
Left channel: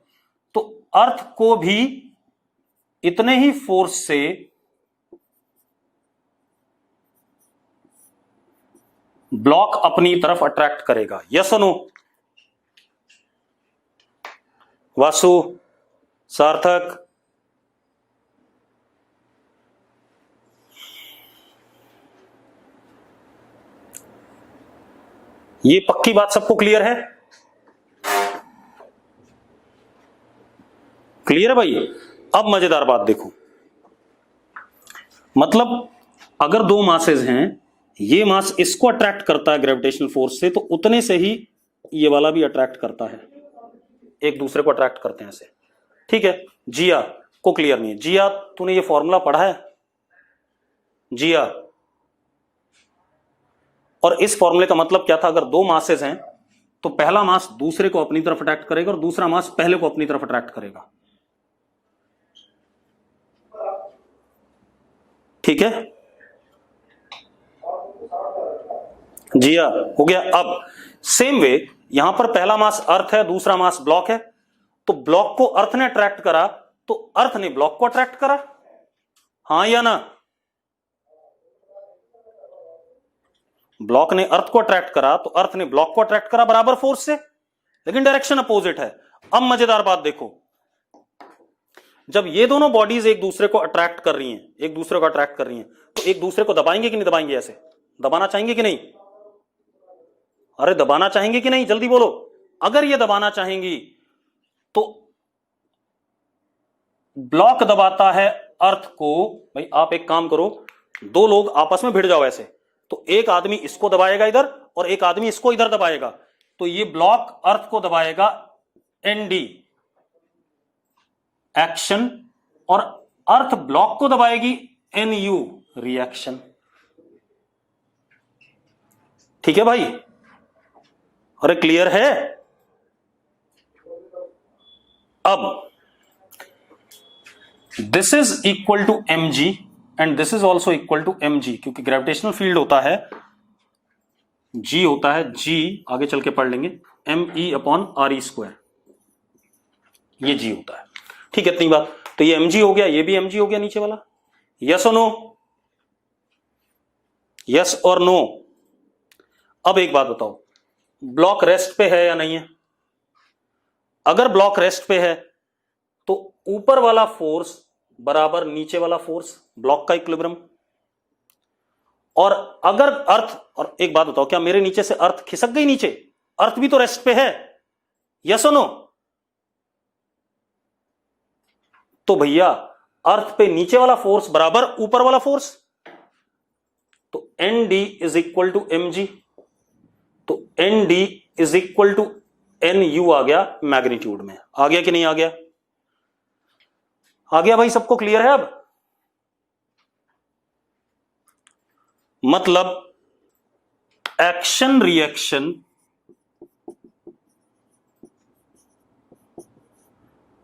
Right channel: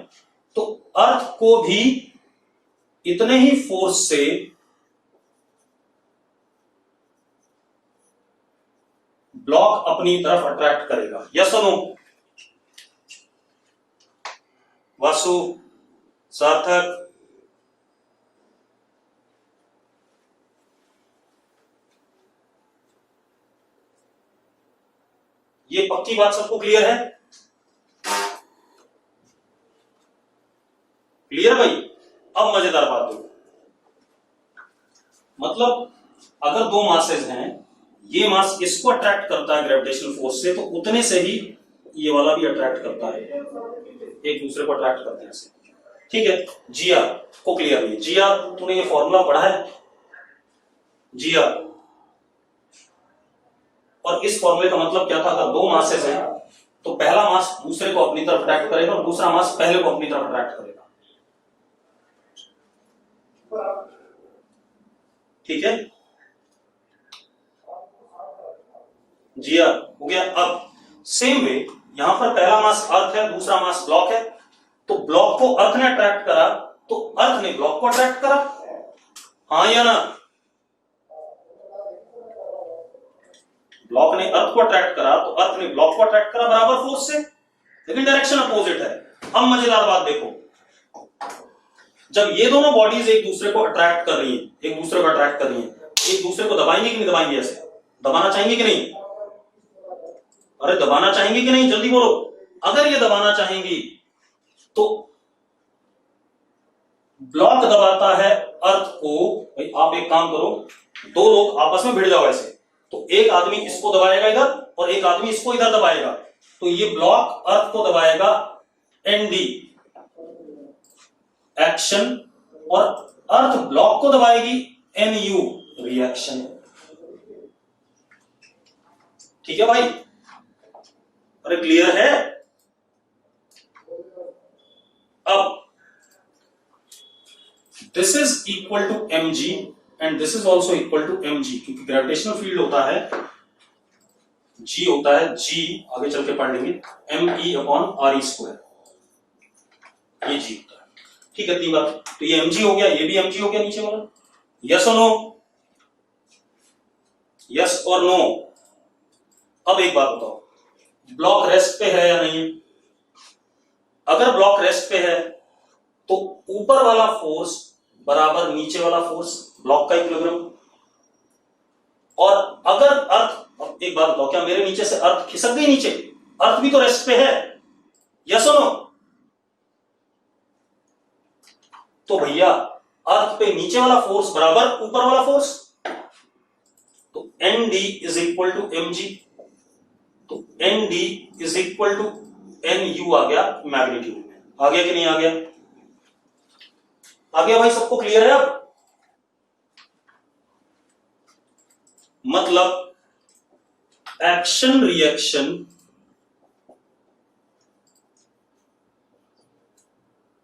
तो अर्थ को भी इतने ही फोर्स से ब्लॉक अपनी तरफ अट्रैक्ट करेगा। यस और नो? वासु, सार्थक, ये पक्की बात सबको क्लियर है? क्लियर है भाई? अब मजेदार बात देखो, मतलब अगर दो मासेस हैं, ये मास इसको अट्रैक्ट करता है ग्रेविटेशनल फोर्स से, तो उतने से ही ये वाला भी अट्रैक्ट करता है, एक दूसरे को अट्रैक्ट करते हैं ऐसे, ठीक है। जिया को क्लियर नहीं? जिया, तूने ये फॉर्मूला पढ़ा है जिया? और इस फॉर्मूले का मतलब क्या था? अगर दो मासेस हैं तो पहला मास दूसरे को अपनी तरफ अट्रैक्ट करेगा और दूसरा मास पहले को अपनी तरफ अट्रैक्ट करेगा, ठीक है। जिया हो गया। अब सेम वे यहां पर पहला मास अर्थ है, दूसरा मास ब्लॉक है, तो ब्लॉक को अर्थ ने अट्रैक्ट करा तो अर्थ ने ब्लॉक को अट्रैक्ट करा, हां या ना? ब्लॉक ने अर्थ को अट्रैक्ट करा तो अर्थ ने ब्लॉक को अट्रैक्ट करा बराबर फोर्स से, लेकिन डायरेक्शन अपोजिट है। अब मजेदार बात देखो, जब ये दोनों बॉडीज एक दूसरे को अट्रैक्ट कर रही है, एक दूसरे को अट्रैक्ट कर रही है, तो एक दूसरे को दबाएंगे कि नहीं दबाएंगे? ऐसे दबाना चाहेंगे कि नहीं? अरे दबाना चाहेंगे कि नहीं, जल्दी बोलो। अगर ये दबाना चाहेंगी तो ब्लॉक दबाता है अर्थ को। भाई आप एक काम करो, दो लोग आपस में भिड़ जाओ ऐसे, तो एक आदमी इसको दबाएगा इधर और एक आदमी इसको इधर दबाएगा, तो ये ब्लॉक अर्थ को दबाएगा एनडी एक्शन, और अर्थ ब्लॉक को दबाएगी एनयू रिएक्शन, ठीक है भाई? अरे क्लियर है? अब this is equal to M G and this is also equal to M G, क्योंकि ग्रेविटेशनल फील्ड होता है जी, होता है जी, आगे चल के पढ़ लेंगे, M E upon R E square, ये जी होता है, ठीक है। इतनी बात, तो ये एम जी हो गया, ये भी एम जी हो गया नीचे वाला। यस और नो? यस और नो? अब एक बात बताओ, ब्लॉक रेस्ट पे है या नहीं है? अगर ब्लॉक रेस्ट पे है तो ऊपर वाला फोर्स बराबर नीचे वाला फोर्स, ब्लॉक का इक्विलिब्रियम। और अगर अर्थ, और एक बात बताओ, क्या मेरे नीचे से अर्थ खिसक गई नीचे? अर्थ भी तो रेस्ट पे है, यस और नो? तो भैया अर्थ पे नीचे वाला फोर्स बराबर ऊपर वाला फोर्स, तो N D is equal to M G, तो N D is equal to N U आ गया मैग्नीट्यूड में। आ गया कि नहीं आ गया? आ गया भाई, सबको क्लियर है? अब मतलब action reaction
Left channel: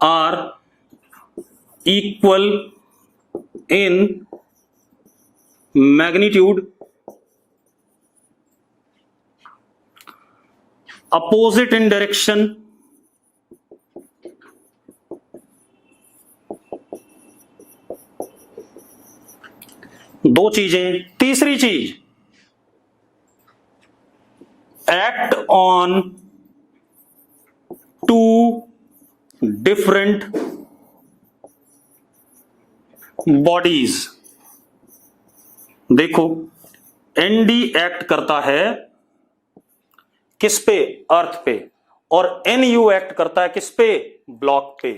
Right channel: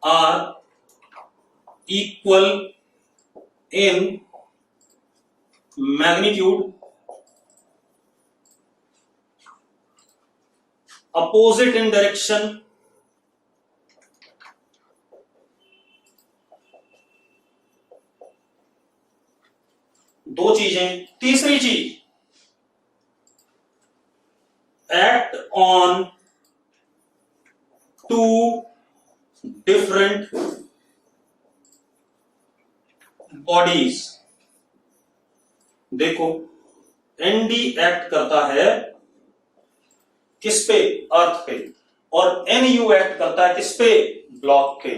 are equal in magnitude opposite in direction दो चीजें। तीसरी चीज, act on two different bodies. देखो एनडी एक्ट करता है किस पे? अर्थ पे। और एनयू एक्ट करता है किस पे? ब्लॉक पे।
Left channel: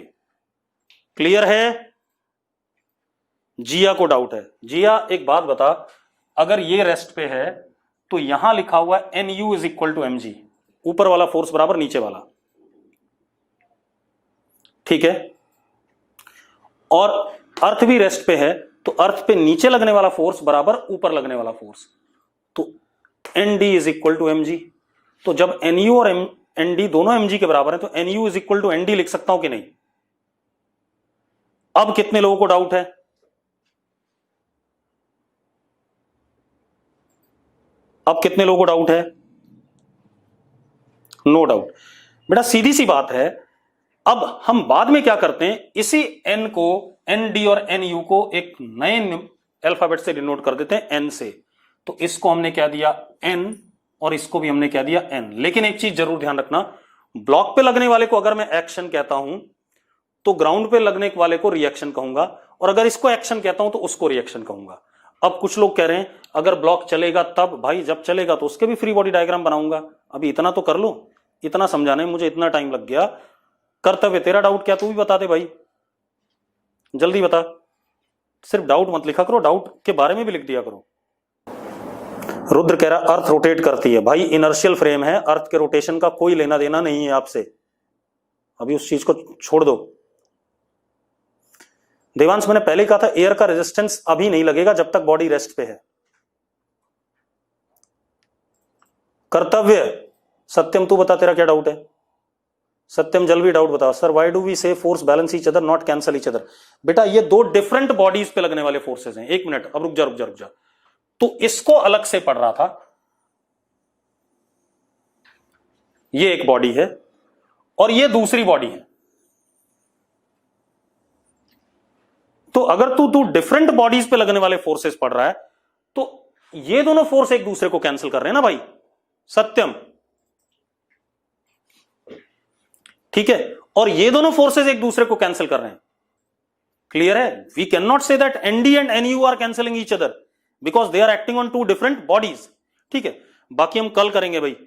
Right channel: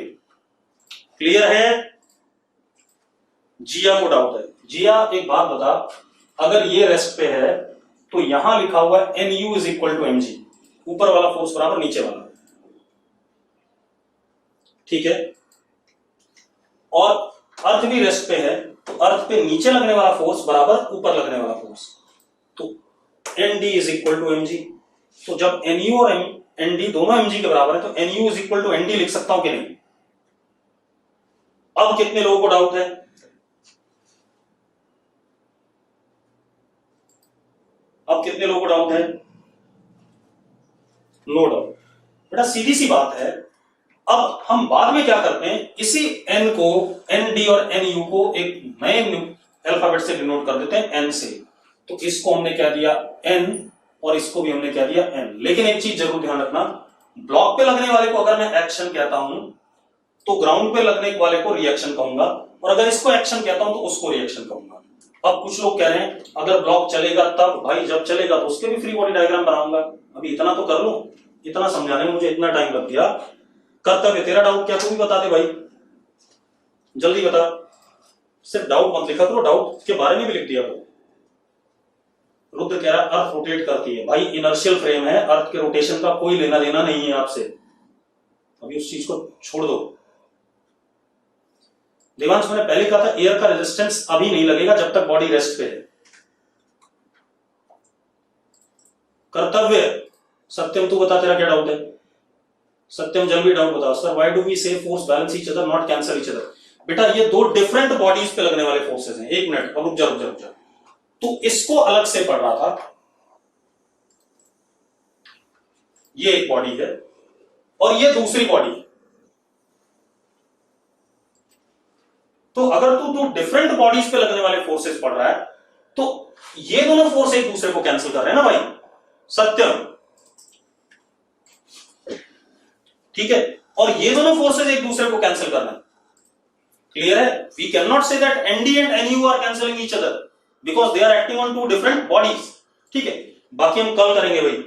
क्लियर है? जिया को डाउट है? जिया एक बात बता, अगर ये रेस्ट पे है तो यहां लिखा हुआ है N U is equal to M G, ऊपर वाला फोर्स बराबर नीचे वाला, ठीक है? और अर्थ भी रेस्ट पे है तो अर्थ पे नीचे लगने वाला फोर्स बराबर ऊपर लगने वाला फोर्स, तो N D is equal to M G. तो जब एन यू और एन डी दोनों एम जी के बराबर है तो N U is equal to N D लिख सकता हूं कि नहीं? अब कितने लोगों को डाउट है? अब कितने लोगों को डाउट है? No doubt. बेटा सीधी सी बात है, अब हम बाद में क्या करते हैं, इसी एन को, एन डी और एन यू को एक नए अल्फाबेट से डिनोट कर देते हैं, एन से। तो इसको हमने क्या दिया? एन, और इसको भी हमने क्या दिया? एन। लेकिन एक चीज जरूर ध्यान रखना, ब्लॉक पे लगने वाले को अगर मैं एक्शन कहता हूं तो ग्राउंड पे लगने वाले को रिएक्शन कहूंगा, और अगर इसको एक्शन कहता हूं तो उसको रिएक्शन कहूंगा। अब कुछ लोग कह रहे हैं अगर ब्लॉक चलेगा तब, भाई जब चलेगा तो उसके भी फ्री बॉडी डायग्राम बनाऊंगा। अभी इतना तो कर लो, इतना समझाने में मुझे इतना टाइम लग गया। कर्तव्य तेरा डाउट क्या, तू भी बता दे भाई, जल्दी बता। सिर्फ डाउट मत लिखा करो, डाउट के बारे में भी लिख दिया करो। रुद्र कह रहा अर्थ रोटेट करती है। भाई इनर्शियल फ्रेम है, अर्थ के रोटेशन का कोई लेना देना नहीं है आपसे, अभी उस चीज को छोड़ दो। देवांश मैंने पहले कहा था एयर का रेजिस्टेंस अभी नहीं लगेगा जब तक बॉडी रेस्ट पे है। कर्तव्य, सत्यम तू बता तेरा क्या डाउट है? सत्यम जल्दी डाउट बता। सर व्हाई डू वी से force balance each other not cancel each other? बेटा ये दो डिफरेंट बॉडीज पे लगने वाले फोर्सेस हैं। एक मिनट, अब रुक जा। तो इसको अलग से पढ़ रहा था, ये एक बॉडी है और ये दूसरी बॉडी है। तो अगर तू डिफरेंट बॉडीज पे लगने वाले फोर्सेस पढ़ रहा है तो ये दोनों फोर्स एक दूसरे को कैंसिल कर रहे हैं ना भाई, सत्यम, ठीक है? और ये दोनों फोर्सेस एक दूसरे को कैंसिल कर रहे हैं। क्लियर है? We can not say that ND and NU are cancelling each other because they are acting on two different bodies, ठीक है? बाकी हम कल करेंगे भाई।